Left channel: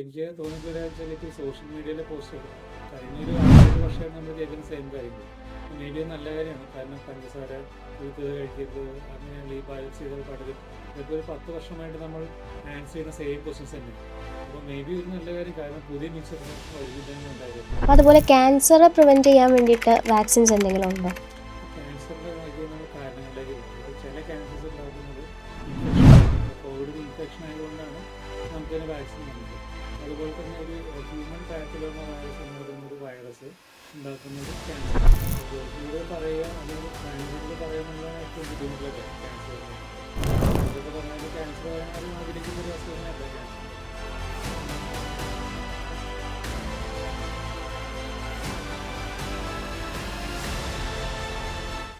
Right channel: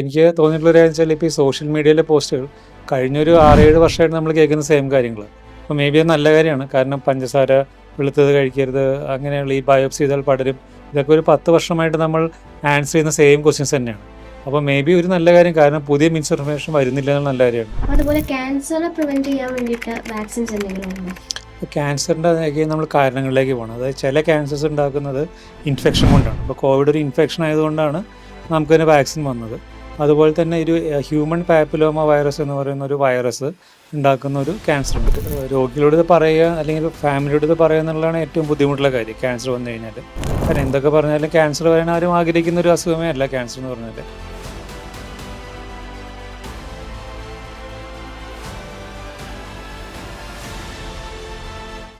എനിക്ക് തോന്നിയിട്ടുള്ള ഒരു കാര്യം വെച്ചാൽ ഇപ്പോൾ ഈ സോഷ്യൽ മീഡിയയിലെ പോസ്റ്റുകൾ കഴിഞ്ഞൊരു 6-7 വർഷമായിട്ട് നമ്മൾ കേൾക്കുന്ന സെയിം കാര്യങ്ങൾ. അപ്പോൾ മേ ബി അത് നല്ല കാര്യമാണ്. കാരണം പഞ്ചസാര വെളുത്തത് കഴിക്കരുത്, അങ്ങനെയുള്ള ഈ ബയോപ്സി ചെയ്താൽ പടരും, ഇതൊക്കെ ഒരു 10 വർഷമായിട്ട് നമ്മൾ ആൻസർ ചെയ്യുന്ന സെയിം ക്വസ്റ്റ്യൻസ് തന്നെയാണ്. അപ്പോൾ മേ ബി ഒരു നല്ല കാര്യം, കാരണം പുതിയ മിസ്ഇൻഫർമേഷൻ വരുന്നില്ല എന്നുള്ള നല്ല കാര്യമാണ്. അതുപോലെ ക്യാൻസർ പ്രിവെന്റ് ചെയ്യാൻ വേണ്ടിയിട്ട് വാക്സിൻസ് എന്തെങ്കിലും ഉണ്ടോ? ഇപ്പോൾ ക്യാൻസറിൻ്റെ നമ്മൾ കാരണങ്ങളിലേക്ക് പോകണം. അതായത് ചില ക്യാൻസേഴ്സ് ഉണ്ടാക്കുന്നത് ഇൻഫെക്ഷൻ കൊണ്ടാണ്. ഇപ്പോൾ കോവിഡ് ഒരു ഇൻഫെക്ഷൻ ആയതുകൊണ്ടാണ് നമുക്കതിന് വാക്സിൻ വന്നത്. അതുപോലെ തന്നെ ഒരു ഹ്യൂമൻ പാപ്പിലോമ വൈറസ് എന്ന് പറയുന്ന ഒരു വൈറസ് ഉണ്ടാക്കുന്ന ഒരു ക്യാൻസർ ഉണ്ട്. രോഗികളോട് ഇത് പറയുക അല്ലെങ്കിൽ ഫാമിലിയോട് ഇത് പറയുക എന്നുള്ളതാണ് ഏറ്റവും ബുദ്ധിമുട്ടുള്ള കാര്യം ക്യാൻസർ വന്നു കഴിഞ്ഞാൽ. കാരണം എന്തൊക്കെ പറഞ്ഞാലും ക്യാൻസർ വരാൻ ആരും ആഗ്രഹിക്കുന്ന ഒരു അസുഖമേ അല്ല ക്യാൻസർ എന്ന് പറഞ്ഞാൽ.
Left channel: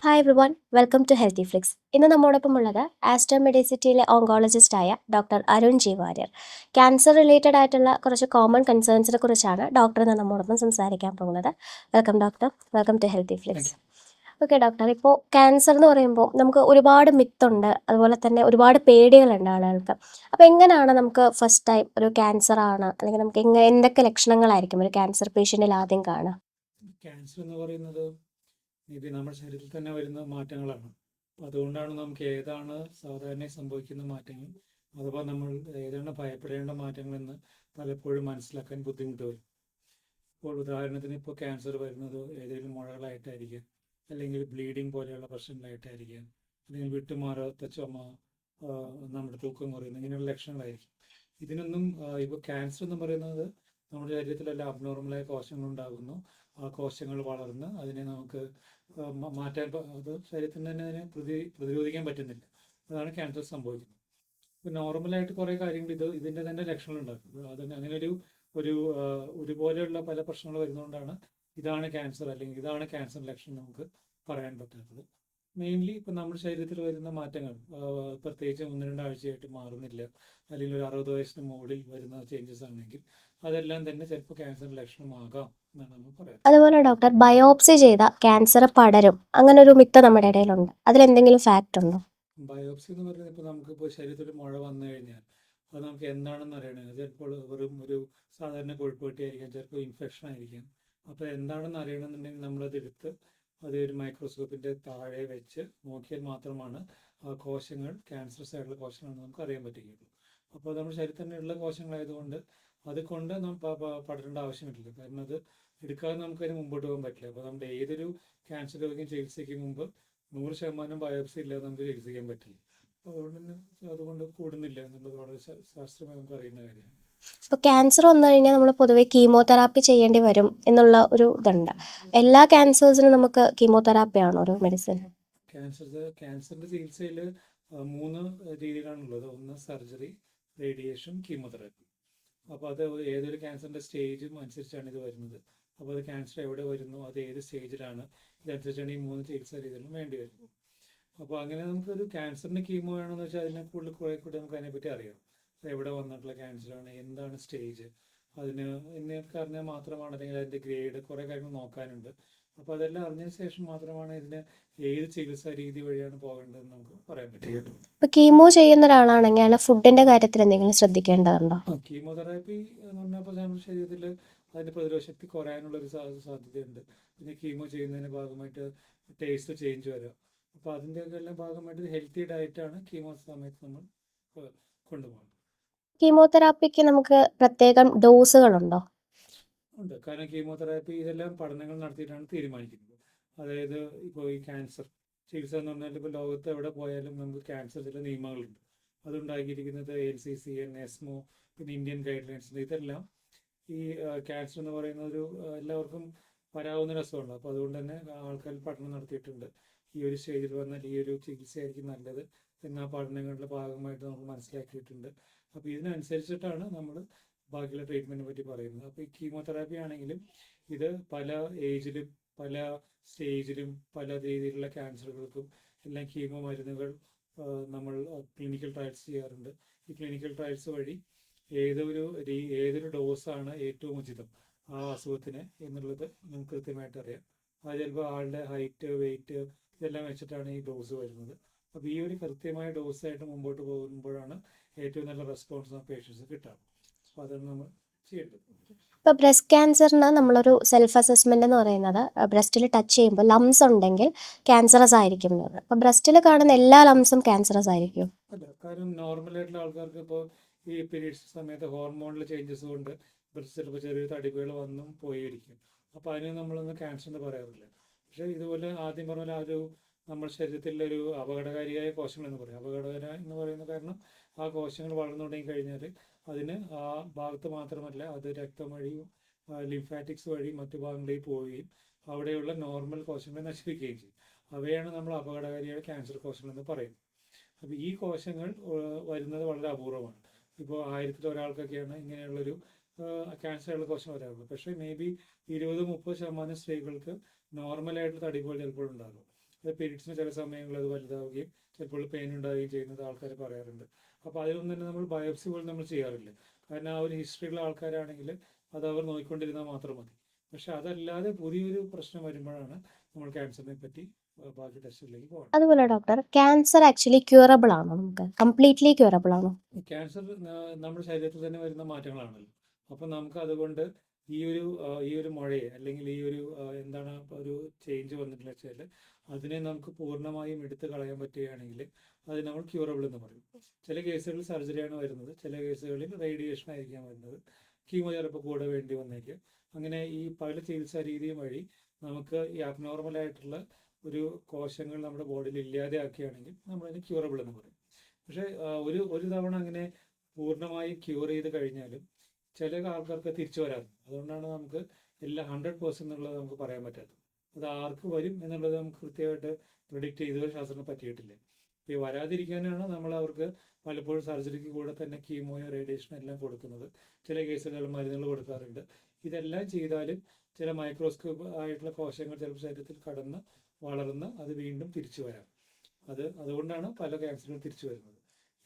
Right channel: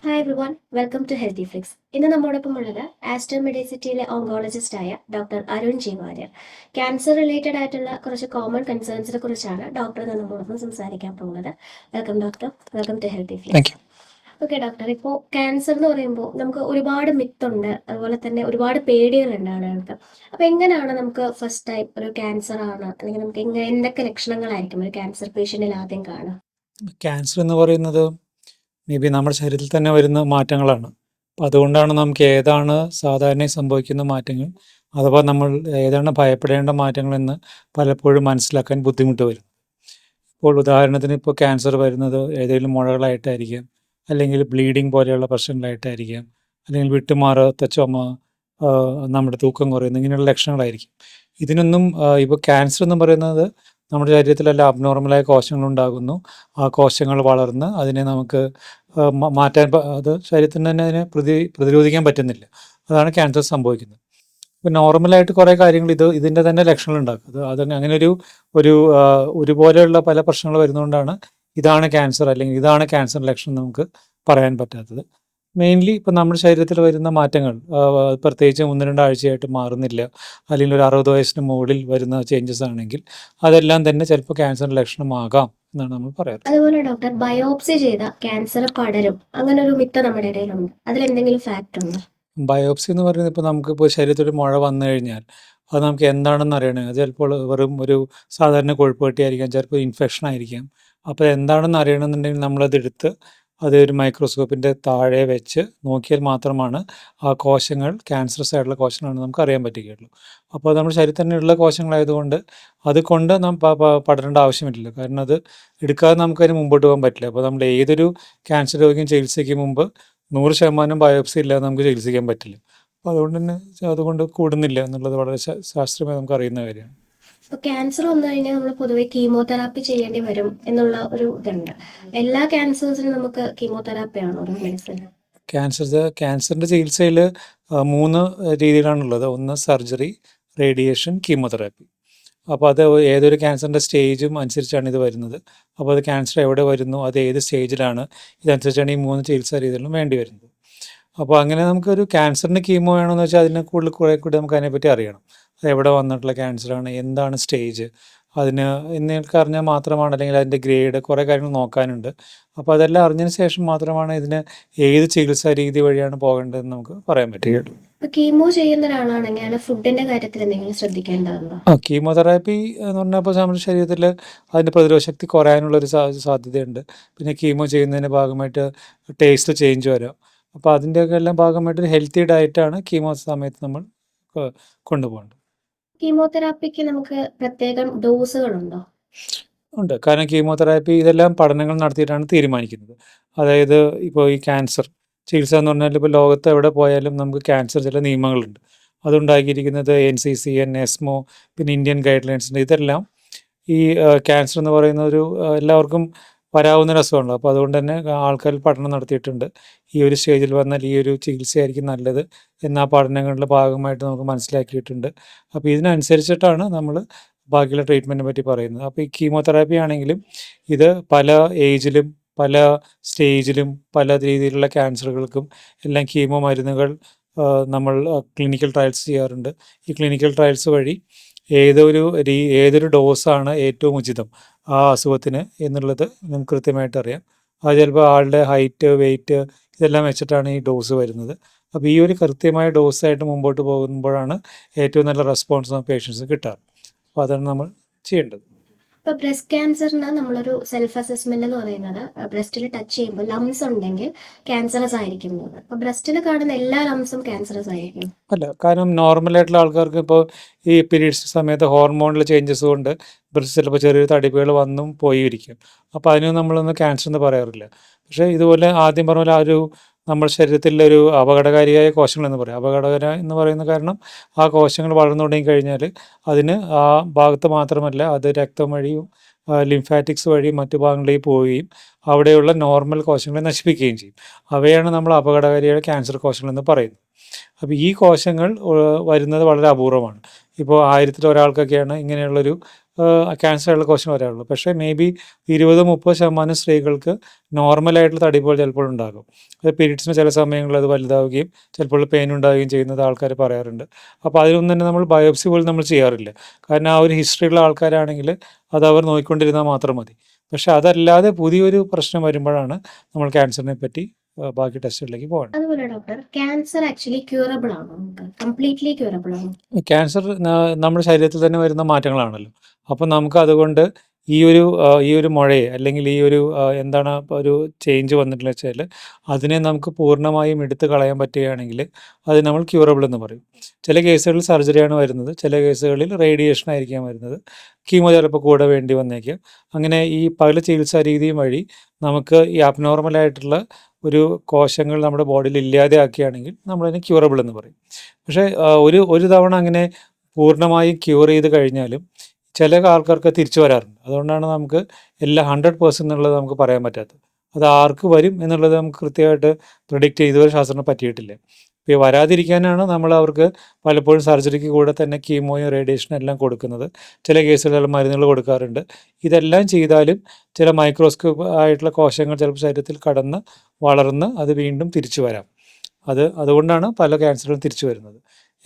Hi everyone, welcome to healthy Flix. ഇന്ന് നമ്മോടൊപ്പം ഉള്ളത് ആസ്റ്റർ മെഡിസിറ്റിയിലെ ഓങ്കോളജിസ്റ്റായ doctor Arun G Warrier. Cancer related ആയിട്ടുള്ള കുറച്ച് കോമൺ കൺസേൺസിനെ കുറിച്ചാണ് ഡോക്ടർ ഇന്ന് നമ്മോടൊപ്പം സംസാരിക്കാൻ പോകുന്നത്. Welcome doctor, welcome to healthy flix. Okay doctor, ഇപ്പോൾ ക്യാൻസർ എന്ന് പറയുമ്പോൾ നമുക്ക് ഒരുപാട് മിത്തുണ്ട്, അതുപോലെ തന്നെ ഒരുപാട് പേടികളുണ്ട് ആളുകൾക്ക്. അപ്പോൾ എങ്ങനെയാണ് നമുക്ക് ഫസ്റ്റ് ടൈം ഒരു ക്യാൻസർ ആണ്, അല്ലെങ്കിൽ നമുക്ക് എന്തൊക്കെ ലക്ഷണങ്ങളായിരിക്കും ഒരു ക്യാൻസർ പേഷ്യൻറ്റിൽ ആദ്യം കാണുക? ക്യാൻസർ എന്ന് പറയുന്നത് മേ ബി നമ്മുടെ ശരീരത്തിൽ തന്നെ വരുന്ന മാറ്റങ്ങളാണ്. അപ്പോൾ അതുകൊണ്ടാണ് നമുക്ക് ഏതാണ് സാധാരണ സംഭവിക്കുന്ന മാറ്റങ്ങൾ, അഥവാ നമ്മൾ ഏതാണ് ഭയപ്പെടേണ്ട മാറ്റങ്ങളെന്ന് പലപ്പോഴും മനസ്സിലാക്കാൻ ബുദ്ധിമുട്ട് വരും. ഇപ്പോൾ ഉദാഹരണത്തിന് ഇപ്പോൾ ക്യാൻസർ വരുന്നത് ഏതെങ്കിലും മുഴകളായിട്ടായിരിക്കാം, അല്ലെങ്കിൽ ബ്ലീഡിങ് പോലെയുള്ള പ്രശ്നങ്ങളായിട്ടായിരിക്കാം, അല്ലെങ്കിൽ വിട്ടുമാറാത്ത ചുമ, നമ്മുടെ തൂക്കം കുറയുന്നു, ഇങ്ങനെയുള്ള ലക്ഷണങ്ങളായിരിക്കും. ഇതിനൊന്നും ഇപ്പോൾ ക്യാൻസർ എന്ന് പറയുന്നത് നമ്മുടെ ശരീരത്തിലെല്ലാം അബ്നോർമലായ കോശങ്ങളുണ്ടാകുന്നു. ആ കോശങ്ങൾ വളർന്ന് അതിനെ നമുക്ക് മാറ്റാൻ അത് ശരീരത്തിന് തന്നെ അതിനെ പ്രതിരോധിക്കാൻ പറ്റുന്നില്ല. അതാണ് ക്യാൻസർ സംഭവിക്കുന്നത്. ഇപ്പോൾ നോർമലായിട്ട് കുറേ കാര്യങ്ങൾ ഇതിൻ്റെ തന്നെ ലക്ഷണങ്ങൾ ഉണ്ടാക്കും. അത് അങ്ങനെ ഒരുപോലെയുള്ള പല പ്രശ്നങ്ങൾ വരുന്നതുകൊണ്ടാണ് ഇതാണ് ക്യാൻസർ അല്ലെങ്കിൽ ഇതാണ് ക്യാൻസർ ലക്ഷണം നമുക്ക് പറയാൻ പറ്റാത്തത്. മെയിൻലി ഇപ്പം നമ്മുടെ ശരീരത്തിൽ വരുന്ന മാറ്റങ്ങൾ പ്രത്യേകിച്ച് 1-2 ആഴ്ചയായിട്ട് മാറുന്നില്ല, അല്ലെങ്കിൽ ഒരു 60 വയസ്സിന് മുകളിൽ വരുന്ന ചേഞ്ചസ് ആണെങ്കിൽ അതെല്ലാം തന്നെ ചിലപ്പോൾ ക്യാൻസർ ലക്ഷണമാകാം എന്നാണ് നമ്മൾ പറയാറ്. അതുപോലെ ഡോക്ടർ, ബയോപ്സി ചെയ്ത ക്യാൻസർ പടരും, അങ്ങനെ ഒരു മിത്ത് നമ്മുടെ ഇടയിലുണ്ട്. അതിലെന്തെങ്കിലും ഫാക്റ്റ് ഉണ്ടോ? ബയോപ്സി എന്ന് പറയുന്നത് ഇപ്പോൾ നമുക്കിപ്പോൾ ശരീരത്തിൽ ഒരു മുഴ വന്നു കഴിഞ്ഞാൽ അത് നമുക്ക് എന്താണെന്ന് അറിയണേ, അത് ചിലപ്പോൾ വെറും ഒരു സാധാരണ കൊഴുപ്പ് കെട്ടിയായിരിക്കാം, ചിലപ്പോൾ ഇൻഫെക്ഷൻ ആയിരിക്കാം. അപ്പോൾ എന്താണെന്ന് അറിയണമെന്നുണ്ടെങ്കിൽ നമ്മളതെടുത്ത് അത് ഒരു മൈക്രോസ്കോപ്പിൻ്റെ താഴെ വെച്ച് നോക്കിയാൽ മാത്രമാണ് ആ കോശങ്ങൾ ക്യാൻസറസ് ആയിട്ടുള്ള കോശങ്ങളാണെന്ന് നമുക്ക് അറിയാൻ പറ്റുകയുള്ളൂ. അപ്പോൾ നമ്മുടെ ശരീരത്തിൽ തന്നെയുള്ള കോശങ്ങളായതുകൊണ്ട് അതുകൊണ്ട് നാം പടരേണ്ട ആവശ്യമില്ല. കാരണം അത് എടുക്കാതെ നമുക്കതിന് മുമ്പോട്ട് പോകാൻ പറ്റില്ല. അപ്പോൾ നമ്മൾ ഏതൊരു ക്യാൻസർ രോഗിയും ചികിത്സയ്ക്ക് മുമ്പ് 100% ബയോപ്സി ഇല്ലാതെ നമുക്ക് ചികിത്സിക്കാൻ പറ്റില്ല. അപ്പോൾ അതുകൊണ്ട് കൂടുന്നില്ല എന്നുള്ളത് വളരെ ശാസ്ത്രീയമായി നമുക്ക് അറിയുന്ന കാര്യമാണ്. ഇപ്പോൾ ക്യാൻസർ വന്നു കഴിഞ്ഞാൽ നമ്മൾ പൊതുവെ കീമോതെറാപ്പി ചെയ്യേണ്ടി വരും എന്നുള്ള ഒരു ഇതുണ്ട്. എല്ലാ ക്യാൻസേഴ്സിനും നമുക്ക് കീമോതെറാപ്പി ആണോ ഒരു മെഡിസിൻ? ക്യാൻസറിൻ്റെ ചികിത്സയിൽ 3 രീതിയിലാണുള്ളത്. ഒന്ന് സർജറി, റേഡിയേഷൻ, കീമോതെറാപ്പി. അപ്പോൾ അത് ഏതൊരു ക്യാൻസറിൻ്റെ സ്റ്റേജും അനുസരിച്ചാണ് ഇത് വരുന്നത്. അപ്പോൾ അത് ക്യാൻസർ എവിടെ വരുന്നു, അത് ഏത് സ്റ്റേജിലാണ്, ഇതനുസരിച്ചാണ് ഈ 3 ചികിത്സാ രീതികളും വേണ്ടി വരുന്നത്. അപ്പോൾ അങ്ങനെ നമുക്കൊരു ക്യാൻസറിന് കീമോ വേണമെന്ന് വെച്ചാൽ അതിനെ കുറേ കൂടി നമുക്ക് അതിനെപ്പറ്റി അറിയണം. അത് എവിടെ വന്നിട്ടുള്ള ക്യാൻസറാണ്, എന്താണ് സ്റ്റേജ്, എന്നൊക്കെ അറിഞ്ഞാൽ മാത്രമാണ്, അല്ലെങ്കിൽ അതിൻ്റെ ഗ്രേഡ്, കുറേ കാര്യങ്ങൾ നോക്കാനുണ്ട്. അപ്പോൾ അതെല്ലാം അറിഞ്ഞതിന് ശേഷം മാത്രമാണ് ഇതിന് ഏത് ചികിത്സാ രീതി വഴിയാണ് പോകേണ്ടതെന്ന് നമുക്ക് പറയാൻ പറ്റുകയുള്ളൂ. ഇപ്പോൾ കീമോ ചെയ്യുന്ന ഒരാളാണെങ്കിൽ അയാൾ ഫുഡിൻ്റെ കാര്യത്തിൽ എന്തെങ്കിലും ശ്രദ്ധിക്കേണ്ടതുണ്ടോ? കീമോതെറാപ്പി എന്ന് പറഞ്ഞാൽ ഇപ്പോൾ നമ്മുടെ ശരീരത്തിൽ അതിൻ്റെ പ്രതിരോധ ശക്തി കുറയാനുള്ളൊരു സാധ്യതയുണ്ട്. പിന്നെ കീമോ ചെയ്യുന്നതിൻ്റെ ഭാഗമായിട്ട് ടേസ്റ്റ് ചേഞ്ച് വരാം. അപ്പോൾ അതിൻ്റെയൊക്കെ എല്ലാം ഭാഗമായിട്ട് ഹെൽത്തി ഡയറ്റാണ് കീമോ സമയത്ത് നമ്മൾ കൊണ്ടുപോകേണ്ടത്. കീമോതെറാപ്പിക്ക് നമുക്ക് പ്രത്യേകം ഡോസുകളുണ്ടോ? ഉണ്ട്. കാരണം കീമോതെറാപ്പി ഇതെല്ലാം പഠനങ്ങൾ നടത്തിയിട്ടാണ് തീരുമാനിക്കുന്നത്. അതായത് ഇപ്പോൾ ഈ ക്യാൻസർ ചികിത്സ എന്ന് പറഞ്ഞാൽ ഇപ്പോൾ ലോകത്ത് എവിടെ പോയാലും നമുക്ക് ക്യാൻസർ ചില നിയമങ്ങളുണ്ട്. അതുണ്ടാക്കിയിരിക്കുന്നത് NCCN, ESMO, പിന്നെ ഇന്ത്യൻ ഗൈഡ് ലൈൻസ് ഉണ്ട്. ഇതെല്ലാം ഈ ക്യാൻസർ എന്ന് പറയുന്ന ഒരു എല്ലാവർക്കും വരാവുന്ന ഒരു അസുഖമാണല്ലോ. അപ്പോൾ അതുകൊണ്ട് തന്നെ ആൾക്കാർ പഠനം നടത്തിയിട്ടുണ്ട്. ഈ ഒരു സ്റ്റേജിൽ വന്നാൽ ഈ ഒരു ചികിത്സയായിരിക്കും നല്ലത് എന്ന് ആ പഠനങ്ങളുടെ ഭാഗമായിട്ട് നമുക്ക് മനസ്സിലാക്കിയിട്ടുണ്ട്. അപ്പോൾ ഇതിനനുസരിച്ചിട്ടാണ് നമ്മൾ ബാക്കിയുള്ള ട്രീറ്റ്മെൻറ്റിനെ പറ്റി പറയുന്നത്. അപ്പോൾ ഈ കീമോതെറാപ്പി ആണെങ്കിലും ഇത് പല ഏജിലും പല സ്റ്റേജിലും പല രീതിയിലുള്ള ക്യാൻസറുകൾക്കും എല്ലാം കീമോ മരുന്നുകൾ നമ്മൾ ക്ലിനിക്കൽ ട്രയൽസ് ചെയ്യാറുണ്ട്. ഈ ക്ലിനിക്കൽ ട്രയൽസ് വഴി ഏതൊരു ഡോസാണ് ഏറ്റവും ഉചിതം ആ അസുഖത്തിന് എന്നുള്ളത് നമുക്ക് കൃത്യമായിട്ട് അറിയാം. അത് ചിലപ്പോൾ ആളുടെ ഹൈറ്റ്, വെയ്റ്റ് ഇതെല്ലാം വെച്ചിട്ടാണ് ഈ ഡോസ് വരുന്നത്. അപ്പോൾ ഈ ഒരു കൃത്യമായ ഡോസായിട്ട് മുമ്പോട്ട് പോകുമ്പോഴാണ് ഏറ്റവും നല്ല റെസ്പോൺസ് പേഷ്യൻസ് കിട്ടാറ്. അപ്പോൾ അതാണ് നമ്മൾ ചെയ്യേണ്ടത്. ഇപ്പോൾ ബ്രസ്റ്റ് ക്യാൻസറിന് നമ്മളൊരു സെൽഫ് അസസ്മെന്റ് എന്ന് പറയുന്നത് ബ്രസ്റ്റിൽ ടച്ച് ചെയ്യുമ്പോൾ ലംസ് ഉണ്ടെങ്കിൽ ക്യാൻസറസ് ആയിരിക്കും എന്ന്. അപ്പോൾ ബ്രസ്റ്റിൽ കാണുന്ന എല്ലാ ലംസും ക്യാൻസറസ് ആയിരിക്കും? അല്ല, കാരണം നോർമലായിട്ടുള്ള ആൾക്കാർക്ക് ഇപ്പോൾ ഈ പീരീഡ്സ് സമയത്ത് ഹോർമോണിൽ ചേഞ്ചസ് കൊണ്ട് ബ്രസ്റ്റ് ചിലപ്പോൾ ചെറിയ തടിപ്പുകൾ വന്നും പോയി ഇരിക്കും. അപ്പോൾ അതിന് നമ്മളൊന്നും ക്യാൻസർ എന്ന് പറയാറില്ല. പക്ഷേ ഇതുപോലെ ആദ്യം പറഞ്ഞ പോലെ ആ ഒരു നമ്മുടെ ശരീരത്തിലെ ഒരു അപകടകാരിയായ കോശങ്ങളെന്ന് പറയും. അപകടകര എന്ന് പറയുന്ന കാരണം ആ കോശങ്ങൾ വളർന്നു തുടങ്ങി കഴിഞ്ഞാൽ അതിന് ആ ഭാഗത്ത് മാത്രമല്ല അത് രക്തം വഴിയും ലിംഫാറ്റിക്സ് വഴി മറ്റു ഭാഗങ്ങളിലേക്ക് പോവുകയും അവിടെയുള്ള നോർമൽ കോശങ്ങളെ നശിപ്പിക്കുകയും ചെയ്യും. അവയാണ് നമ്മൾ അപകടകാരിയായ ക്യാൻസർ കോശങ്ങളെന്ന് പറയുന്നത്. അപ്പോൾ ഈ കോശങ്ങൾ വരുന്നത് വളരെ അപൂർവമാണ്. ഇപ്പോൾ 1000-ൽ ഒരാൾക്കൊക്കെയാണ് ഇങ്ങനെയുള്ളൊരു ക്യാൻസറുള്ള കോശം വരാറുള്ളൂ. പക്ഷേ മേ ബി 20-30% സ്ത്രീകൾക്ക് നോർമലായിട്ടുള്ള തടിപ്പുകൾ ചിലപ്പോൾ ഉണ്ടാകും. അത് പീരീഡ്സിന് ചില സമയങ്ങളിൽ അത് വലുതാവുകയും ചിലപ്പോൾ പെയിൻ ഉണ്ടാവുകയും ചെയ്യുന്നത് ആൾക്കാർ പറയാറുണ്ട്. അപ്പോൾ അതിനൊന്നും തന്നെ നമ്മൾ ബയോപ്സി പോലും നമ്മൾ ചെയ്യാറില്ല. കാരണം ആ ഒരു ഹിസ്റ്ററിയുള്ള ആൾക്കാരാണെങ്കിൽ അത് അവർ നോക്കിക്കൊണ്ടിരുന്നാൽ മാത്രം മതി. പക്ഷേ അതല്ലാതെ പുതിയൊരു പ്രശ്നം വരുമ്പോഴാണ് നമ്മൾ ക്യാൻസറിനെ പറ്റി ബാക്കി ടെസ്റ്റുകളിലേക്ക് പോകേണ്ടത്. അതുപോലെ ഡോക്ടർ, ക്യാൻസർ ആക്ച്വലി ക്യൂറബിൾ ആണോ? നമുക്ക് കംപ്ലീറ്റ്ലി ക്യൂറബിൾ ആണോ? ക്യാൻസർ നമ്മുടെ ശരീരത്തിൽ തന്നെ വരുന്ന മാറ്റങ്ങളാണല്ലോ. അപ്പോൾ നമുക്ക് അതുകൊണ്ട് ഈ ഒരു മുഴയെ അല്ലെങ്കിൽ എന്താണ് ഒരു ചേഞ്ച് വന്നിട്ടുള്ളത് വെച്ചാൽ അതിനെ നമുക്ക് പൂർണ്ണമായും എടുത്ത് കളയാൻ പറ്റുകയാണെങ്കിൽ അത് നമ്മൾ ക്യൂറബിൾ എന്ന് പറയും. ചില കേസുകളിൽ സർജറിയാണ് വരുന്നത്, ചില കേസുകളിൽ റേഡിയേഷൻ ആയിരിക്കാം വരുന്നത്, കീമോ ചിലപ്പോൾ കൂടെ വേണ്ടി വന്നേക്കാം. അങ്ങനെ ഈ പല ചികിത്സാ രീതിയും വഴി നമുക്ക് ഈ അബ്നോർമലായിട്ടുള്ള ഒരു കോശങ്ങൾ നമ്മുടെ ബോഡിയിൽ ഇല്ലാതെയാക്കുകയാണെങ്കിൽ നമ്മളതിനെ ക്യൂറബിൾ എന്ന് പറയും. പക്ഷേ ഒരു തവണ അങ്ങനെ പൂർണ്ണമായും ക്യൂർ ചെയ്ത് കഴിഞ്ഞാലും ചില ആൾക്കാർക്ക് തിരിച്ചു വരാറുണ്ട്. അതുകൊണ്ടാണ് നമുക്ക് എല്ലാം 100% എന്നുള്ളത് നമുക്ക് പറയാൻ പറ്റാത്തത്. അത് ആർക്ക് വരും എന്നുള്ളത് നമുക്ക് കൃത്യമായിട്ട് പ്രിഡിക്റ്റ് ചെയ്തുവരെ ശാസ്ത്രത്തിന് പറ്റിയിട്ടില്ല. ഇപ്പോൾ വരാതിരിക്കാനാണ് നമ്മൾ അവർക്ക് പലപ്പോഴും സർജറിക്ക് കൂടെ തന്നെ കീമോയും റേഡിയേഷനും എല്ലാം കൊടുക്കുന്നത്. ചില കേസുകളിൽ മരുന്നുകൾ കൊടുക്കാറുണ്ട്. ഇതെല്ലാം ചെയ്താലും ചില മൈക്രോസ്കോപ്പ് ആയിട്ടുള്ള കോശങ്ങൾ ചിലപ്പോൾ ശരീരത്തിൽ കടന്ന് വളർന്ന് അത് വീണ്ടും തിരിച്ചു വരാം. അതുകൊണ്ടാണ് പല ക്യാൻസറുകളും തിരിച്ചു വരുന്നത്.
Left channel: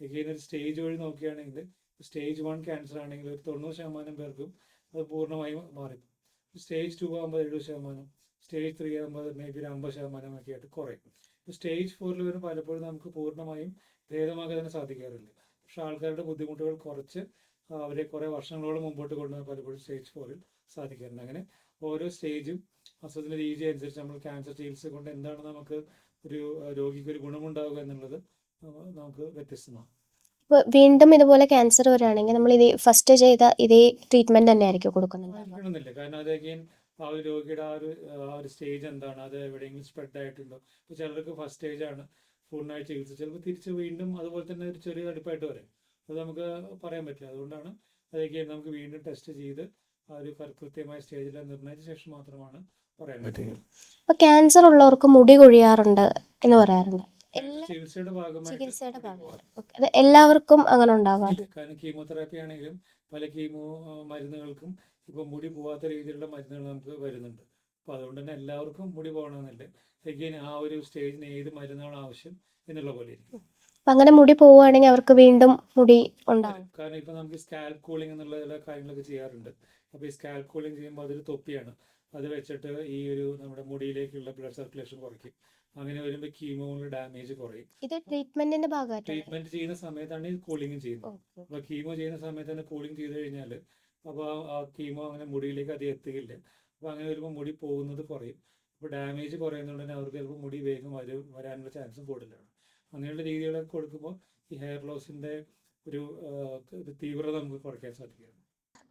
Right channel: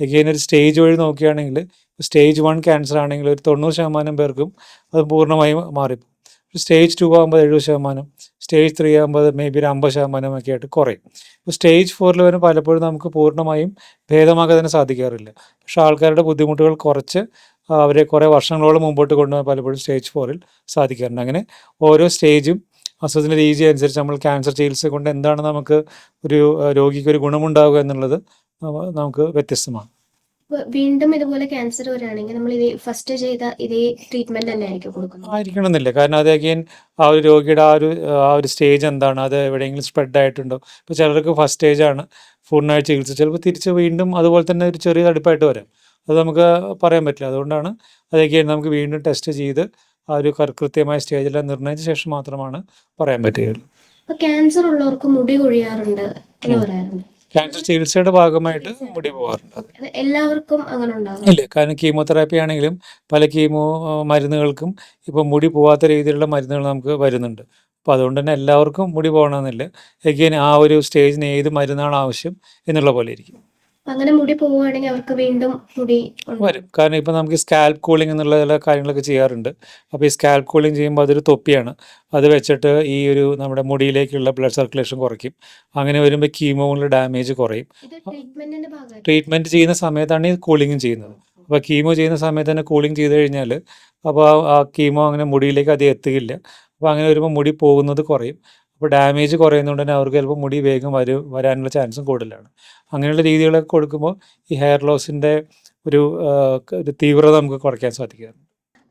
എഗെയിൻ ഒരു സ്റ്റേജ് വഴി നോക്കുകയാണെങ്കിൽ സ്റ്റേജ് 1 ക്യാൻസർ ആണെങ്കിൽ ഒരു 90% പേർക്കും അത് പൂർണ്ണമായും മാറിപ്പോകും. സ്റ്റേജ് 2 ആകുമ്പോൾ 70%, സ്റ്റേജ് 3 ആകുമ്പോൾ മേ ബി ഒരു 50% ഒക്കെ ആയിട്ട് കുറയും. ഇപ്പോൾ സ്റ്റേജ് 4 വരെ പലപ്പോഴും നമുക്ക് പൂർണ്ണമായും ഭേദമാക്കാൻ തന്നെ സാധിക്കാറില്ല. പക്ഷേ ആൾക്കാരുടെ ബുദ്ധിമുട്ടുകൾ കുറച്ച് അവരെ കുറേ വർഷങ്ങളോളം മുമ്പോട്ട് കൊണ്ടുപോകാൻ പലപ്പോഴും സ്റ്റേജ് 4 സാധിക്കാറുണ്ട്. അങ്ങനെ ഓരോ സ്റ്റേജും അസുഖത്തിൻ്റെ രീതി അനുസരിച്ച് നമ്മൾ ക്യാൻസർ ചികിത്സ കൊണ്ട് എന്താണ് നമുക്ക് ഒരു രോഗിക്ക് ഒരു ഗുണമുണ്ടാവുക എന്നുള്ളത് നമുക്ക് വ്യത്യസ്തമാണ്. ഇപ്പോൾ വീണ്ടും ഇതുപോലെ ക്യാൻസർ വരികയാണെങ്കിൽ നമ്മൾ ഫസ്റ്റ് ചെയ്ത ഇതേ ട്രീറ്റ്മെന്റ് തന്നെ ആയിരിക്കും കൊടുക്കുന്നത്? ആയിരിക്കണമെന്നില്ല. കാരണം അത് അഗെയിൻ ആ ഒരു രോഗിയുടെ ആ ഒരു സ്റ്റേജ് എന്താണ്, അത് എവിടെയെങ്കിലും സ്പ്രെഡ് ആയിട്ടുണ്ടോ. ഇപ്പോൾ ചിലർക്ക് ഫസ്റ്റ് സ്റ്റേജാണ്, പൂർണ്ണമായി ചികിത്സ ചിലപ്പോൾ തിരിച്ച് വീണ്ടും അതുപോലെ തന്നെ ഒരു ചെറിയ തടിപ്പായിട്ട് വരാം. അത് നമുക്ക് പറയാൻ പറ്റില്ല. അതുകൊണ്ടാണ് അത് അഗെയിൻ നമുക്ക് വീണ്ടും ടെസ്റ്റ് ചെയ്ത് ആ ഒരു കൃത്യമായ സ്റ്റേജെല്ലാം നിർണ്ണയിച്ച ശേഷം മാത്രമാണ് പറയാൻ പറ്റുകയുള്ളൂ. ഇപ്പോൾ ക്യാൻസർ ഉള്ളവർക്ക് മുടി കൊഴിയാറുണ്ട് എന്ന് പറയാറുണ്ട്. ക്യാൻസർ ചികിത്സയുടെ ഭാഗമായിട്ട് മുടി പോകാറുണ്ട്. അത് എല്ലാവർക്കും അങ്ങനെ ഉണ്ടാകും? ഇല്ല, കാരണം കീമോതെറാപ്പി ആണെങ്കിലും പല മരുന്നുകൾക്കും ഇപ്പോൾ മുടി പോകാത്ത രീതിയിലുള്ള മരുന്നുകൾ നമുക്ക് വരുന്നുണ്ട്. അപ്പോൾ അതുകൊണ്ട് തന്നെ എല്ലാവർക്കും മുടി പോകണമെന്നില്ല. എഗെയിൻ ആ ഒരു സ്റ്റേജിന് ഏത് മരുന്നാണ് ആവശ്യം എന്നുള്ള പോലെ ഇരിക്കും. അപ്പം അങ്ങനെ മുടി പോവുകയാണെങ്കിൽ അവർക്ക് വീണ്ടും മുടി വരും. കാരണം ഇപ്പോൾ നമുക്ക് സ്കാൽപ്പ് കൂളിംഗ് എന്നുള്ള ചില കാര്യങ്ങളൊക്കെ ചെയ്യാറുണ്ട്. അപ്പോൾ ഈ സ്കാൽപ്പ് കൂളിംഗ് ചെയ്യുമ്പോൾ അതൊരു തൊപ്പിയാണ്. അത് വെച്ചിട്ട് നമ്മുടെ മുടിയിലേക്കുള്ള ബ്ലഡ് സർക്കുലേഷൻ കുറയ്ക്കും. അങ്ങനെ വരുമ്പോൾ കീമോയിലെ ഡാമേജ് കുറയും. ഇത് ട്രീറ്റ്മെന്റിന്റെ ഭാഗമായിട്ട് ട്രീറ്റ്മെൻറ്റ് ചെയ്യുന്ന സമയത്താണ് ഈ കൂളിങ്ങും ചെയ്യുന്നത്. അപ്പോൾ കീമോ ചെയ്യുന്ന സമയത്ത് തന്നെ കൂളിംഗ് ചെയ്ത് കഴിഞ്ഞാൽ അപ്പോൾ ആ കീമോ അങ്ങനെ മുടിയിലേക്ക് അധികം എത്തുകയില്ല. അപ്പോൾ അങ്ങനെ വരുമ്പോൾ മുടി പോകുന്നത് കുറയും. അപ്പോൾ ഡാമേജ് കുറയുന്നതുകൊണ്ട് തന്നെ അവർക്ക് ചിലപ്പോൾ മുടി വേഗം വരാനുള്ള ചാൻസും കൂടുതലാണ്. അങ്ങനെയുള്ള രീതികളൊക്കെ കൊടുക്കുമ്പോൾ ഈ ഹെയർ ലോസിൻ്റെ ഒരു തീവ്രത നമുക്ക് കുറയ്ക്കാൻ സാധിക്കും.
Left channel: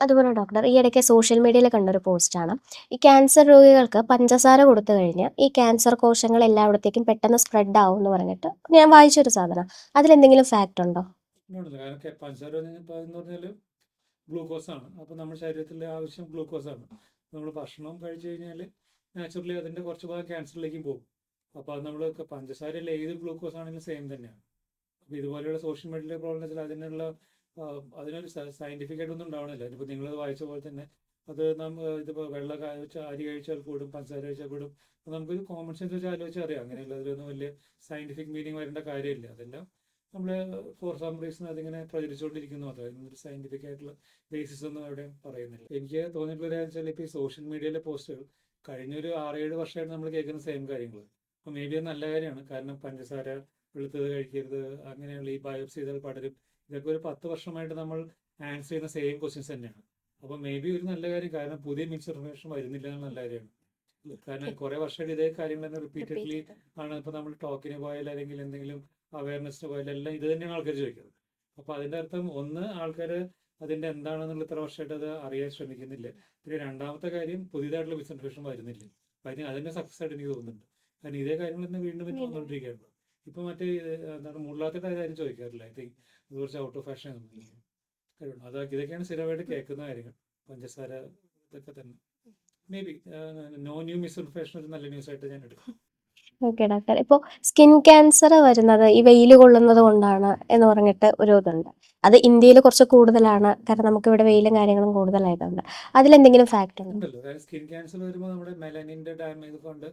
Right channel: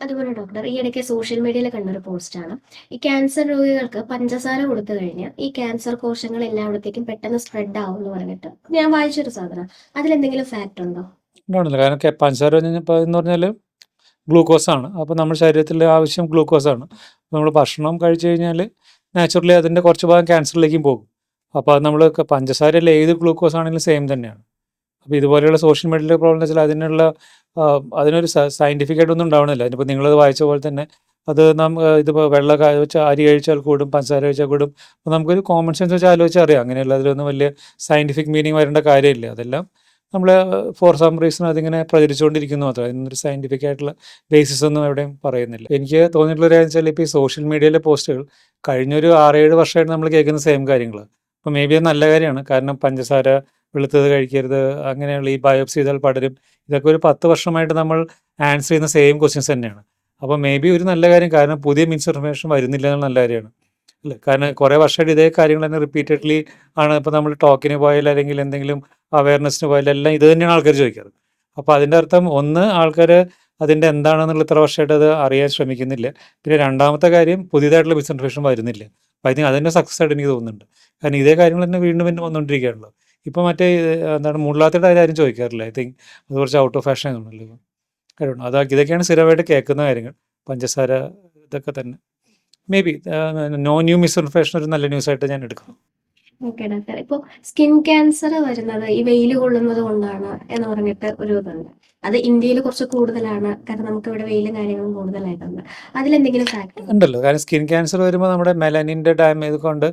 അതുപോലെ ഡോക്ടർ, ഈ ഇടയ്ക്ക് സോഷ്യൽ മീഡിയയിൽ കണ്ടൊരു പോസ്റ്റാണ്, ഈ ക്യാൻസർ രോഗികൾക്ക് പഞ്ചസാര കൊടുത്തു കഴിഞ്ഞാൽ ഈ ക്യാൻസർ കോശങ്ങൾ എല്ലായിടത്തേക്കും പെട്ടെന്ന് സ്പ്രെഡ് ആവും എന്ന് പറഞ്ഞിട്ട് ഞാൻ വായിച്ചൊരു സാധനം. അതിലെന്തെങ്കിലും ഫാക്റ്റ് ഉണ്ടോ? ഉണ്ടാവില്ല. കാരണം പഞ്ചസാര എന്ന് പറഞ്ഞാൽ ഗ്ലൂക്കോസാണ്. അപ്പോൾ നമ്മുടെ ശരീരത്തിലെ ആവശ്യം ഗ്ലൂക്കോസാണ്. നമ്മൾ ഭക്ഷണം കഴിച്ചു കഴിഞ്ഞാൽ നാച്ചുറലി അതിൻ്റെ കുറച്ച് ഭാഗം ക്യാൻസറിലേക്കും പോകും. അപ്പോൾ അത് നമ്മൾ പഞ്ചസാരയിൽ ഏത് ഗ്ലൂക്കോസ് ആണെങ്കിലും സെയിം തന്നെയാണ്. അപ്പോൾ ഇതുപോലെയുള്ള സോഷ്യൽ മീഡിയയിലെ പ്രോബ്ലം വെച്ചാൽ അതിനൊരു സയൻറ്റിഫിക് ആയിട്ടൊന്നും ഉണ്ടാവണില്ല. ഇനിയിപ്പോൾ നിങ്ങളത് വായിച്ച പോലെ തന്നെ അത് ഇതിപ്പോൾ വെള്ളം വെച്ചാൽ അരി കഴിച്ചാൽ കൂടും, പഞ്ചസാര കഴിച്ചാൽ കൂടും. അപ്പോൾ നമുക്കൊരു കോമൺ സെൻസ് വെച്ച് ആലോചിച്ചാൽ അറിയാം. അങ്ങനെയുള്ള അതിലൊന്നും വലിയ സയൻറ്റിഫിക് മീനിങ് വരേണ്ട കാര്യമില്ല. അതെല്ലാം നമ്മൾ ഫോർ സം റീസൺ അതിങ്ങനെ പ്രചരിച്ചുകൊണ്ടിരിക്കുന്നു മാത്രമേ. അതിനൊരു സയൻറ്റിഫിക് ആയിട്ടുള്ള ബേസിസ് ഒന്നും എവിടെയും പറയുന്നില്ല. എനിക്ക് തോന്നിയിട്ടുള്ള കാര്യം വെച്ചാൽ ഇപ്പോൾ ഈ സോഷ്യൽ മീഡിയയിലെ പോസ്റ്റുകൾ കഴിഞ്ഞൊരു 6-7 വർഷമായിട്ട് നമ്മൾ കേൾക്കുന്ന സെയിം കാര്യങ്ങളാണ്. അപ്പോൾ മേ ബി അത് നല്ല കാര്യമാണ്. കാരണം പഞ്ചസാര വെളുത്തത് കഴിക്കരുത്, അങ്ങനെയുള്ള ഈ ബയോപ്സി ചെയ്താൽ പടരും, ഇതൊക്കെ ഒരു 10 വർഷമായിട്ട് നമ്മൾ ആൻസർ ചെയ്യുന്ന സെയിം ക്വസ്റ്റ്യൻസ് തന്നെയാണ്. അപ്പോൾ മേ ബി ഒരു നല്ല കാര്യം, കാരണം പുതിയ മിസ്ഇൻഫർമേഷൻ വരുന്നില്ല എന്നുള്ള നല്ല കാര്യമാണ് അല്ലേ. കാരണം കുറേ വർഷമായിട്ട് ഇതേ കാര്യങ്ങൾ തന്നെ റിപ്പീറ്റഡ്ലി ആണ്. ഇപ്പോൾ നമ്മൾ ടോക്കിന് പോയാൽ അല്ലെങ്കിൽ എന്തെങ്കിലും അവയർനെസ്സിന് പോയാൽ എല്ലാം ഇത് തന്നെയാണ് ആൾക്കാർ ചോദിക്കാറ്. അപ്പോൾ അതിൻ്റെ അർത്ഥം ഒന്ന്, ആൾക്കാർ അതിൻ്റെ എന്താണെന്നുള്ള ഇത്ര വർഷമായിട്ട് അത് അറിയാൻ ശ്രമിക്കുന്നില്ല. പിന്നെ രണ്ടാമത്തെ കാര്യം, പുതിയതായിട്ടുള്ള മിസ്ഇൻഫർമേഷൻ വരുന്നില്ല. അപ്പോൾ ഐ തിങ്ക് അതിൻ്റെ സക്സസ് ആയിട്ട് എനിക്ക് തോന്നുന്നുണ്ട്. കാരണം ഇതേ കാര്യങ്ങൾ തന്നെ വീണ്ടും വീണ്ടും വന്നുകൊണ്ടിരിക്കുകയാണല്ലോ. ഇപ്പോൾ മറ്റേ എന്താണ് മുള്ളാത്തയുടെ കാര്യം ആരും ചോദിക്കാറില്ല. ഐ തിങ്ക് അത് കുറച്ച് ഔട്ട് ഓഫ് ഫാഷൻ ആണല്ലോ കാര്യമാണ്. ഇതൊക്കെയാണ് സ്ഥിരമായിട്ട് കേൾക്കുന്ന കാര്യങ്ങൾ. പഞ്ചസാര ഇതൊക്കെ തന്നെ may be no new misinformation ഒരു നല്ല ന്യൂസായിട്ട് ഞാൻ എടുക്കുന്നു. Okay doctor. ഇപ്പോൾ സ്കിൻ ക്യാൻസർ വരുന്നത് ഈ വെയിൽ കൊള്ളുന്നത് കൊണ്ടാണ് എന്ന് പറഞ്ഞിട്ട് ഒരു ഇതുണ്ട്. അത് ഇന്ത്യയിൽ കുറച്ച് കൂടുതലാണ്, കാരണം നമുക്ക് ഇവിടെ വെയിലും കാര്യങ്ങളും കൂടുതലായിട്ടുണ്ട്. അതിലെന്തെങ്കിലും ഫാക്ടർ ഉണ്ടല്ലോ, കാരണം സ്കിൻ ക്യാൻസർ വരുമ്പോൾ നമ്മുടെ മെലനിൻ്റെ ഡാമേജ് കൊണ്ട്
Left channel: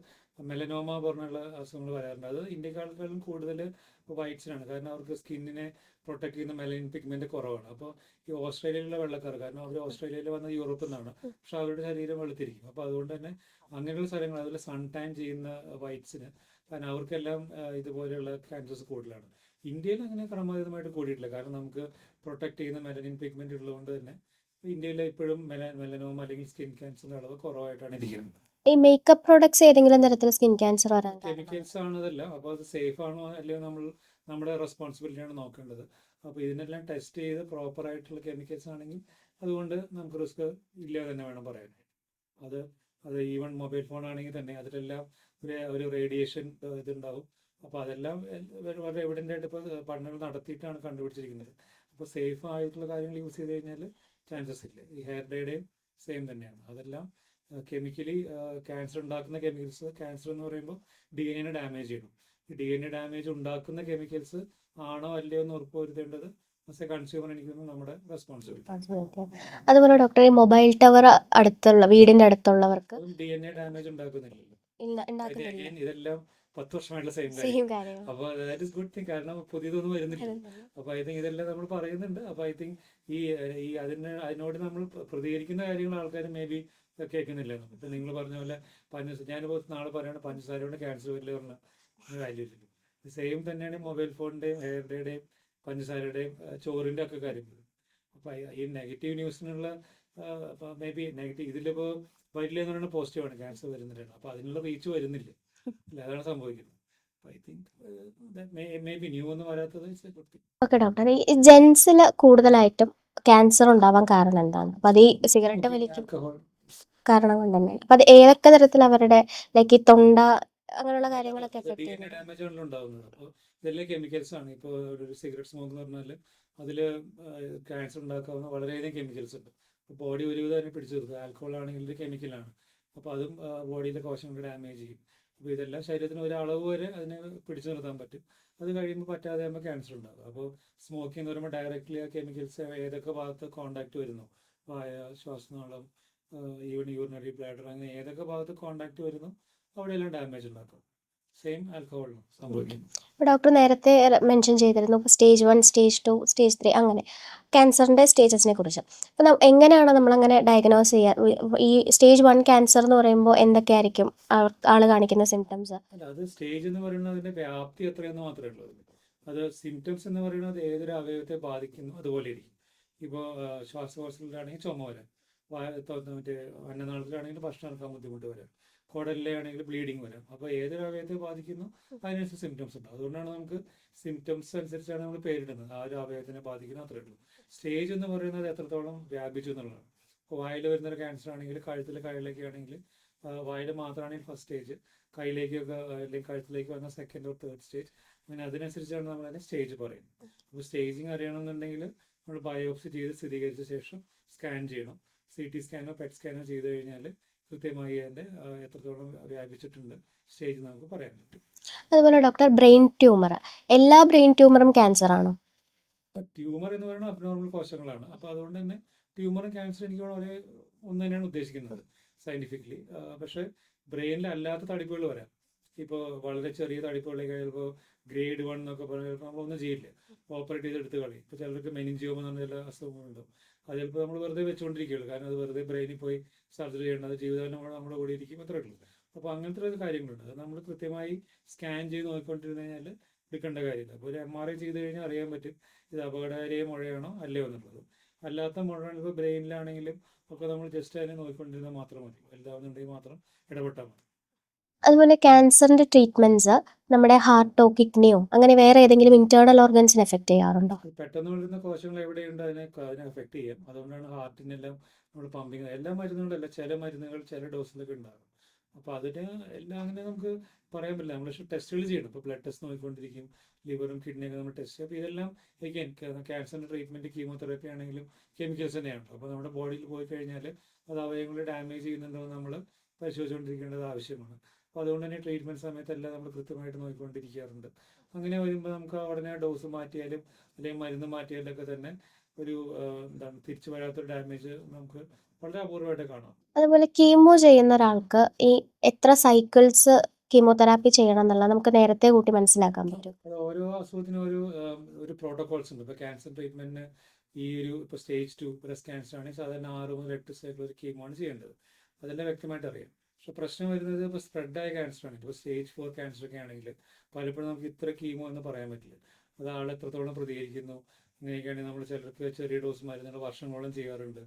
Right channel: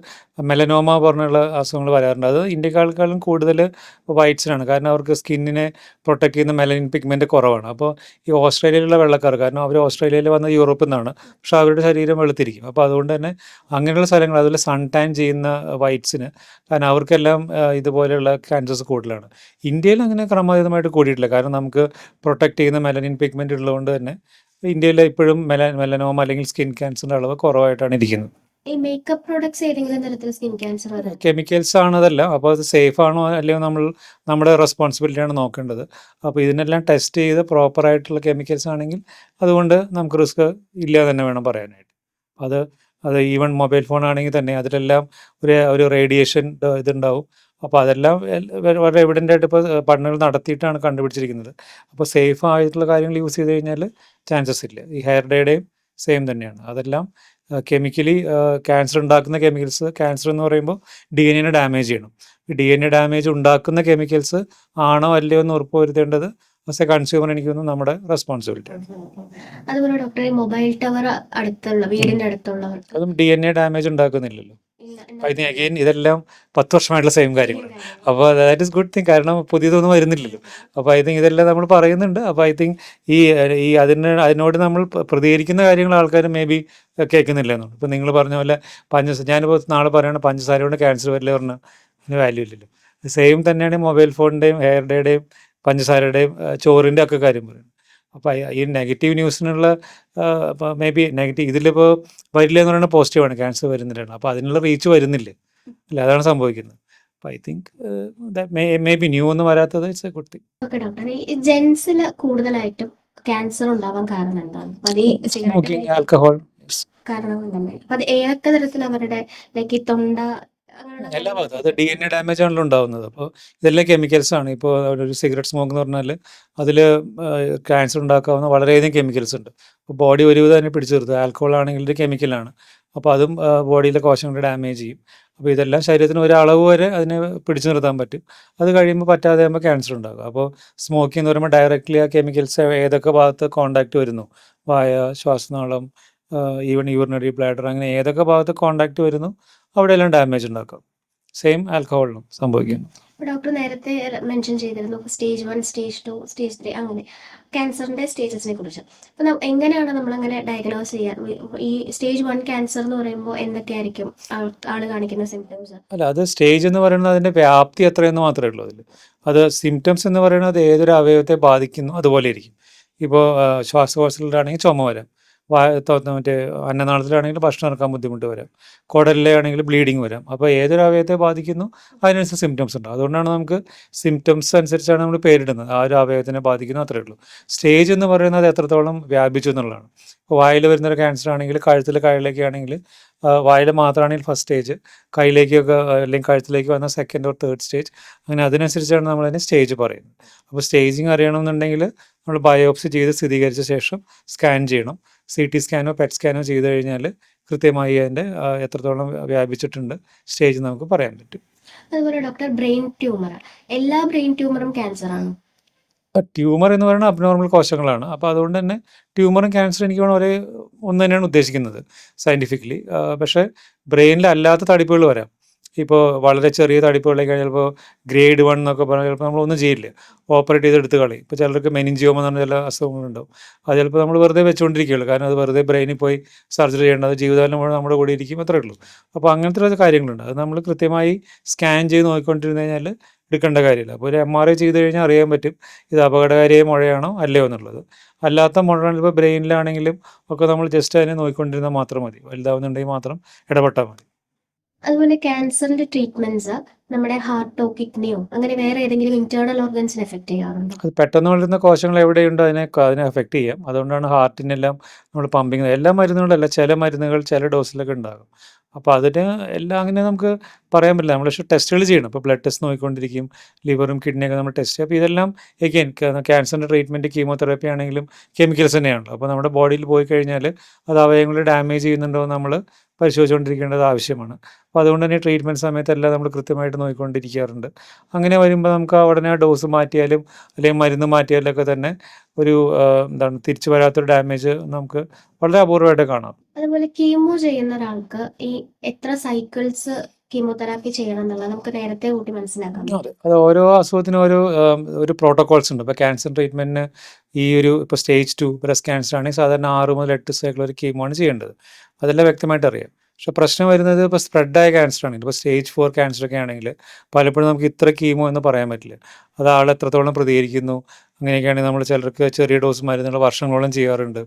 മെലനോമ പറഞ്ഞുള്ള അസുഖങ്ങൾ വരാറുണ്ട്. അത് ഇന്ത്യക്കാൾക്കാളും കൂടുതൽ വൈറ്റ്സിനാണ്, കാരണം അവർക്ക് സ്കിന്നിനെ പ്രൊട്ടക്ട് ചെയ്യുന്ന മെലനിൻ പിഗ്മെൻറ്റ് കുറവാണ്. അപ്പോൾ ഈ ഓസ്ട്രേലിയയിലുള്ള വെള്ളക്കാർ, കാരണം അവർ ഓസ്ട്രേലിയയിൽ വന്ന യൂറോപ്പിൽ നിന്നാണ്, പക്ഷേ അവരുടെ ശരീരം വെളുത്തിരിക്കും. അപ്പോൾ അതുകൊണ്ട് തന്നെ അങ്ങനെയുള്ള സ്ഥലങ്ങൾ, അതുപോലെ സൺ ടാൻ ചെയ്യുന്ന വൈറ്റ്സിന്, കാരണം അവർക്കെല്ലാം ഇതുപോലെയുള്ള ക്യാൻസേഴ്സ് കൂടുതലാണ്. ഇന്ത്യയിൽ അങ്ങനെ ക്രമാതീതമായിട്ട് കൂടിയിട്ടില്ല, കാരണം നമുക്ക് പ്രൊട്ടക്ട് ചെയ്യുന്ന മെലനിൻ പിഗ്മെൻറ്റ് ഉള്ളതുകൊണ്ട് തന്നെ ഇന്ത്യയിൽ ഇപ്പോഴും മെലനോമ അല്ലെങ്കിൽ സ്കിൻ ക്യാൻസറിൻ്റെ അളവ് കുറവായിട്ടാണ് ഇരിക്കുന്നത്. ഈ മേക്കപ്പ് പ്രോഡക്ട്സ് ഏതെങ്കിലും തരത്തിൽ സ്കിൻ ക്യാൻസർ വരാൻ കെമിക്കൽസ് ആണ് അതെല്ലാം. അപ്പോൾ അത് സേഫ് ആണോ അല്ലയോ നമ്മുടെ റെസ്പോൺസിബിലിറ്റിയാണ് നോക്കേണ്ടത്. അപ്പോൾ ഇതിനെല്ലാം ടെസ്റ്റ് ചെയ്ത് പ്രോപ്പറായിട്ടുള്ള കെമിക്കൽസ് ആണെങ്കിൽ അതുകൊണ്ട് നമുക്ക് റിസ്ക് ഇല്ല തന്നെ വേണം പറയാനായിട്ട്. അത് അത് ഈവൻ മൊബൈൽ ഫോൺ ആണെങ്കിൽ തന്നെ അതിലെല്ലാം ഒരു റേഡിയേഷൻ ഇതുണ്ടാവും. അപ്പോൾ അതെല്ലാം വളരെ എവിഡൻ്റ് ആയിട്ട് ഇപ്പോൾ പഠനങ്ങൾ നടത്തിയിട്ടാണ് കണ്ടുപിടിച്ചിരിക്കുന്നത്. അപ്പോൾ സേഫ് ആയിട്ടുള്ള കാര്യങ്ങൾ യൂസ് ചെയ്ത് കഴിഞ്ഞാൽ ചാൻസസ് ഇല്ല. ഈ ഹെയർ ഡേയുടെയും സെയിം തന്നെയാണ്. അതെല്ലാം കെമിക്കലി ക്യാൻസർ ഉണ്ടാക്കുന്ന കെമിക്കൽസ്, ക്യാൻസർ എന്ന് പറയുമ്പോൾ DNA ഡാമേജ് ചെയ്യണം. ഈ DNA ഡാമേജ് ഉണ്ടാക്കുന്ന കെമിക്കൽസ് ആണോ അല്ലയോ എന്ന് ഉറപ്പ് വരുത്തേണ്ടത് ആസ് എ കൺസ്യൂമർ എനിക്ക് തോന്നുന്നു നമ്മുടെ റെസ്പോൺസിബിലിറ്റി. അതുപോലെ ഡോക്ടർ, ഈ മൊബൈൽ ടവർ അടുത്തുള്ള വീടിന്റെ അടുത്തുള്ളവർക്ക് അതും DNA ഡാമേജ് ഉണ്ടാക്കുന്നില്ലല്ലോ. ഐ തിങ്ക് അഗെയിൻ ഇതെല്ലാം 10 വർഷമായിട്ടുള്ള സെയിം കാര്യങ്ങൾ. അപ്പോൾ ദാറ്റ് ഇസ് ഗുഡ് തിങ്, കാരണം പുതിയതൊന്നും വരുന്നില്ലല്ലോ. അപ്പോൾ ഐ തിങ്ക് ഇതെല്ലാം നമ്മൾ പറയുന്നുണ്ട്. അപ്പോൾ ഐ തിങ്ക് ഈ ഈ അതിനോട് നമ്മൾ പ്രതികരിക്കുന്ന കാര്യങ്ങൾ ആൾക്കാർ മേ ബി കേൾക്കുന്നില്ല എന്നുണ്ട്. ഇപ്പോൾ നിങ്ങൾ പറഞ്ഞ പോലെ ഞാനിപ്പോൾ നാളെ പറയുകയാണ് പഞ്ചസാര കൊണ്ട് ക്യാൻസർ വരില്ല പറഞ്ഞാൽ അതിന് വാല്യൂ ഇല്ലല്ലോ. സെയിം തന്നെയാണ് മൊബൈൽ ഫോണിൻ്റെയും ഹെയർ ഡേയുടെയും പഞ്ചസാരയുടെയും ചോറിൻ്റെ ഒക്കെ കാര്യം പറയുന്നത്. അപ്പോൾ ഈ നെഗറ്റീവ് ന്യൂസിനുള്ള മേ ബി നെഗറ്റീവ് ഇതിലിപ്പോൾ വരില്ല എന്ന് പറയുന്നത് പോസിറ്റീവാണ്, ക്യാൻസർ വരുന്നില്ലാണ്. അപ്പോൾ അതിനുള്ള റീച്ച് വരുന്നില്ല അല്ല, അതാണ് സംഭവിക്കുന്നത്. അപ്പോൾ I think may be new ഒന്നും വരാത്തത് it's A good thing. Okay doctor, ഈ ജെൻസിൽ കൂടുതലായിട്ടും ക്യാൻസർ ഉണ്ടാവാൻ കാരണം എന്താണ്? അപ്പൊ അത് ഈ സിഗരറ്റ് ആൽക്കഹോൾ കാരണം കൊണ്ട് തന്നെ, അപ്പൊ അത് ഏതൊക്കെ തരത്തിൽ അവരുടെ ലൈക്ക് ഈ തൊണ്ട അങ്ങനെയുള്ള എല്ലാ ഭാഗത്തും അത് കാര്യങ്ങളൊക്കെ DNA ഡാമേജ് ആണല്ലോ ഉണ്ടാകുന്നത്. അപ്പോൾ ഇതെല്ലാം കെമിക്കൽസ് ആണ്. ഇപ്പോൾ ഒരു സിഗരറ്റ് സ്മോക്ക് എന്ന് പറഞ്ഞാൽ അതിൽ ക്യാൻസർ ഉണ്ടാക്കാവുന്ന വളരെയധികം കെമിക്കൽസ് ഉണ്ട്. അപ്പോൾ ബോഡി ഒരുവിധം തന്നെ പിടിച്ചു നിർത്തും. ആൽക്കഹോൾ ആണെങ്കിൽ ഒരു കെമിക്കലാണ്. അപ്പോൾ അതും ബോഡിയിലെ കോശങ്ങളെ ഡാമേജ് ചെയ്യും. അപ്പോൾ ഇതെല്ലാം ശരീരത്തിന് ഒരളവ് വരെ അതിനെ പിടിച്ചു നിർത്താൻ പറ്റും. അത് കഴിയുമ്പോൾ പറ്റാതെ ആകുമ്പോൾ ക്യാൻസർ ഉണ്ടാകും. അപ്പോൾ സ്മോക്കിംഗ് എന്ന് പറയുമ്പോൾ ഡയറക്റ്റ്ലി ആ കെമിക്കൽസ് ഏതൊക്കെ ഭാഗത്ത് കോണ്ടാക്റ്റ് വരുന്നു, വായ, ശ്വാസനാളം, ഈവൻ യൂറിനറി ബ്ലാഡർ, അങ്ങനെ ഏതൊക്കെ ഭാഗത്ത് കോണ്ടാക്റ്റ് വരുന്നു അവിടെയെല്ലാം ഡാമേജ് ഉണ്ടാക്കും. സെയിം ആൽക്കഹോളിനും സംഭവിക്കും. ഡോക്ടർ നേരത്തെ മെൻഷൻ ചെയ്തിരുന്നു സ്റ്റേജ് 1, സ്റ്റേജ് 2, സ്റ്റേജ് 3 അങ്ങനെ ക്യാൻസറിന്റെ സ്റ്റേജസിനെ കുറിച്ച്. അപ്പം എങ്ങനെയാണ് നമ്മളങ്ങനെ ഡയഗ്നോസ് ചെയ്യുക? ഈ സ്റ്റേജ് 1 ക്യാൻസർ എന്ന് പറയുമ്പോൾ എന്തൊക്കെയായിരിക്കും ആള് കാണിക്കുന്ന സിംറ്റംസ്? അല്ല, അത് സ്റ്റേജ് എന്ന് പറയുന്നത് അതിൻ്റെ വ്യാപ്തി എത്രയെന്ന് മാത്രമേ ഉള്ളൂ അതിൽ. അത് സിംറ്റംസ് എന്ന് പറയുന്നത് ഏതൊരു അവയവത്തെ ബാധിക്കുന്നു അതുപോലെ ഇരിക്കും. ഇപ്പോൾ ശ്വാസകോശത്തിലാണെങ്കിൽ ചുമ വരാം, മറ്റേ അന്നനാളത്തിലാണെങ്കിൽ ഭക്ഷണം ഇറക്കാൻ ബുദ്ധിമുട്ട് വരാം, കുടലിലാണെങ്കിൽ ബ്ലീഡിങ് വരാം. അപ്പോൾ ഏതൊരു അവയവത്തെ ബാധിക്കുന്നു അതിനനുസരിച്ച് സിംറ്റംസ് ഉണ്ട്. അതുകൊണ്ടാണ് നമുക്ക് സിംറ്റംസ് അനുസരിച്ചാണ് നമ്മൾ പേരിടുന്നത്. ആ ഒരു അവയവത്തിനെ ബാധിക്കുന്നു അത്രയേ ഉള്ളൂ. സ്റ്റേജ് എന്ന് പറയുന്നത് എത്രത്തോളം വ്യാപിച്ചു എന്നുള്ളതാണ്. ഇപ്പോൾ വായിൽ വരുന്നൊരു ക്യാൻസർ ആണെങ്കിൽ കഴുത്തിലേക്ക് ആണെങ്കിൽ വായിൽ മാത്രമാണെങ്കിൽ ഫസ്റ്റ് സ്റ്റേജ്, കയ്യിലേക്കൊക്കെ അല്ലെങ്കിൽ കഴുത്തിലേക്ക് വന്ന സെക്കൻഡ് ഓർ തേർഡ് സ്റ്റേജ്, അങ്ങനെ അതിനനുസരിച്ചാണ് നമ്മളതിന് സ്റ്റേജ് പറയുന്നത്. അപ്പോൾ സ്റ്റേജിങ് അറിയണമെന്നുണ്ടെങ്കിൽ നമ്മൾ ബയോപ്സി ചെയ്ത് സ്ഥിരീകരിച്ച ശേഷം സ്കാൻ ചെയ്യണം. CT സ്കാനോ പെറ്റ് സ്കാനോ ചെയ്ത് കഴിഞ്ഞാൽ കൃത്യമായി അതിൻ്റെ എത്രത്തോളം വ്യാപിച്ചിട്ടുണ്ട് സ്റ്റേജ് നമുക്ക് പറയാൻ പറ്റും. അതുപോലെ ഡോക്ടർ, ബ്രെയിൻ ട്യൂമർ, എല്ലാ ബ്രെയിൻ ട്യൂമറും ക്യാൻസർ ആണോ? ട്യൂമർ എന്ന് പറയുന്നത് അബ്നോർമൽ കോശങ്ങളാണ്. അപ്പോൾ അതുകൊണ്ട് തന്നെ ട്യൂമറും ക്യാൻസറും എനിക്ക് വേണം ഒന്ന് തന്നെയാണ് ഉദ്ദേശിക്കുന്നത് സയൻറ്റിഫിക്കലി. പക്ഷേ ബ്രെയിനിൽ അല്ലാത്ത തടിപ്പുകൾ വരാം. ഇപ്പോൾ വളരെ ചെറിയ തടിപ്പുകളായി കഴിഞ്ഞാൽ ചിലപ്പോൾ ഗ്രേഡ് 1 എന്നൊക്കെ പറഞ്ഞാൽ ചിലപ്പോൾ നമ്മളൊന്നും ചെയ്യില്ല, ഓപ്പറേറ്റ് ചെയ്ത് എടുത്ത് കളയും. ഇപ്പോൾ ചിലർക്ക് മെനിഞ്ചിയോമ എന്ന് പറഞ്ഞ ചില അസുഖങ്ങളുണ്ടാവും. അത് ചിലപ്പോൾ നമ്മൾ വെറുതെ വെച്ചുകൊണ്ടിരിക്കുകയുള്ളൂ, കാരണം അത് വെറുതെ ബ്രെയിനിൽ പോയി സർജറി ചെയ്യേണ്ടത് ജീവിതകാലം മുഴുവൻ നമ്മുടെ കൂടെ ഇരിക്കും, അത്രേ ഉള്ളൂ. അപ്പോൾ അങ്ങനത്തെ കാര്യങ്ങളുണ്ട്. അത് നമ്മൾ കൃത്യമായി സ്കാൻ ചെയ്ത് നോക്കിക്കൊണ്ടിരുന്നു കഴിഞ്ഞാൽ എടുക്കേണ്ട കാര്യമില്ല. അപ്പോൾ ഒരു MRI ചെയ്ത് കഴിഞ്ഞാൽ അറിയാൻ പറ്റും ഇത് അപകടകാരിയായ മുഴയാണോ അല്ലയോ എന്നുള്ളത്. അല്ലാത്ത മുഴ ഇപ്പോൾ ബ്രെയിനിലാണെങ്കിലും ഒക്കെ നമ്മൾ ജസ്റ്റ് അതിനെ നോക്കിക്കൊണ്ടിരുന്നാൽ മാത്രം മതി. വലുതാവുന്നുണ്ടെങ്കിൽ മാത്രം ഇടപെട്ടാൽ മതി. അതുപോലെ ക്യാൻസറിന്റെ ട്രീറ്റ്മെന്റ്സ് നമ്മുടെ ഹാർട്ടോ കിഡ്നിയോ അങ്ങനെ വേറെ ഏതെങ്കിലും ഇന്റേണൽ ഓർഗൻസിനെ എഫക്ട് ചെയ്യാറുണ്ടോ? അത് പെട്ടെന്ന് വളരുന്ന കോശങ്ങൾ എവിടെയുണ്ടോ അതിനെ എഫക്റ്റ് ചെയ്യാം. അതുകൊണ്ടാണ് ഹാർട്ടിനെല്ലാം നമ്മൾ പമ്പിങ് എല്ലാ മരുന്നുകളല്ല, ചില മരുന്നുകൾ ചില ഡോസിലൊക്കെ ഉണ്ടാകും. അപ്പോൾ അതിന് എല്ലാം അങ്ങനെ നമുക്ക് പറയാൻ പറ്റില്ല. നമ്മൾ പക്ഷേ ടെസ്റ്റുകൾ ചെയ്യണം. ഇപ്പോൾ ബ്ലഡ് ടെസ്റ്റ് നോക്കിക്കൊണ്ടിരിക്കും, ലിവറും കിഡ്നിയൊക്കെ നമ്മൾ ടെസ്റ്റ് ചെയ്യും. അപ്പോൾ ഇതെല്ലാം എഗെയിൻ ക്യാൻസറിൻ്റെ ട്രീറ്റ്മെൻറ്റ് കീമോതെറാപ്പി ആണെങ്കിലും കെമിക്കൽസ് തന്നെയാണല്ലോ. അപ്പോൾ നമ്മുടെ ബോഡിയിൽ പോയി കഴിഞ്ഞാൽ അത് അവയവങ്ങൾ ഡാമേജ് ചെയ്യുന്നുണ്ടോ എന്ന് നമ്മൾ പരിശോധിച്ചുകൊണ്ടിരിക്കേണ്ടത് ആവശ്യമാണ്. അപ്പോൾ അതുകൊണ്ട് തന്നെ ട്രീറ്റ്മെൻറ്റ് സമയത്തെല്ലാം നമ്മൾ കൃത്യമായിട്ട് നോക്കിക്കൊണ്ടിരിക്കാറുണ്ട്. അങ്ങനെ വരുമ്പോൾ നമുക്ക് ഉടനെ ആ ഡോസ് മാറ്റിയാലും അല്ലെങ്കിൽ മരുന്ന് മാറ്റിയാലൊക്കെ തന്നെ ഒരു തിരിച്ചു വരാത്തൊരു ഡാമേജ് നമുക്ക് വളരെ അപൂർവമായിട്ട് കാണാം. അതുപോലെ കീമോ ചെയ്യുന്ന ഒരാൾക്ക് ഈ എത്ര സൈക്കിൾസ് കീമോതെറാപ്പി ചെയ്യണം എന്നുള്ളത് നമുക്ക് നേരത്തെ കൂട്ടി മനസ്സിലാക്കാൻ അതെ. പറ്റും. അത് ഓരോ അസുഖത്തിനും ഒരു പ്രോട്ടോക്കോൾസ് ഉണ്ട്. ഇപ്പോൾ ക്യാൻസർ ട്രീറ്റ്മെൻറ്റിന് ഇപ്പോൾ സ്റ്റേജ് 2 ബ്രസ്റ്റ് ക്യാൻസർ ആണെങ്കിൽ സാധാരണ 6 മുതൽ 8 സൈക്കിൾ ഒരു കീമോ ആണ് ചെയ്യേണ്ടത്. അതെല്ലാം വ്യക്തമായിട്ട് അറിയാം. പക്ഷേ പ്രശ്നം വരുന്നത് ഇപ്പോൾ സ്പ്രെഡായ ക്യാൻസർ ആണെങ്കിൽ, ഇപ്പോൾ സ്റ്റേജ് 4 ക്യാൻസർ ഒക്കെ ആണെങ്കിൽ പലപ്പോഴും നമുക്ക് ഇത്ര കീമോ എന്ന് പറയാൻ പറ്റില്ല. അത് ആൾ എത്രത്തോളം പ്രതികരിക്കുന്നു, അങ്ങനെയൊക്കെയാണെങ്കിൽ നമ്മൾ ചിലർക്ക് ചെറിയ ഡോസ് മരുന്നുകൾ വർഷങ്ങളോളം ചെയ്യാറുണ്ട്.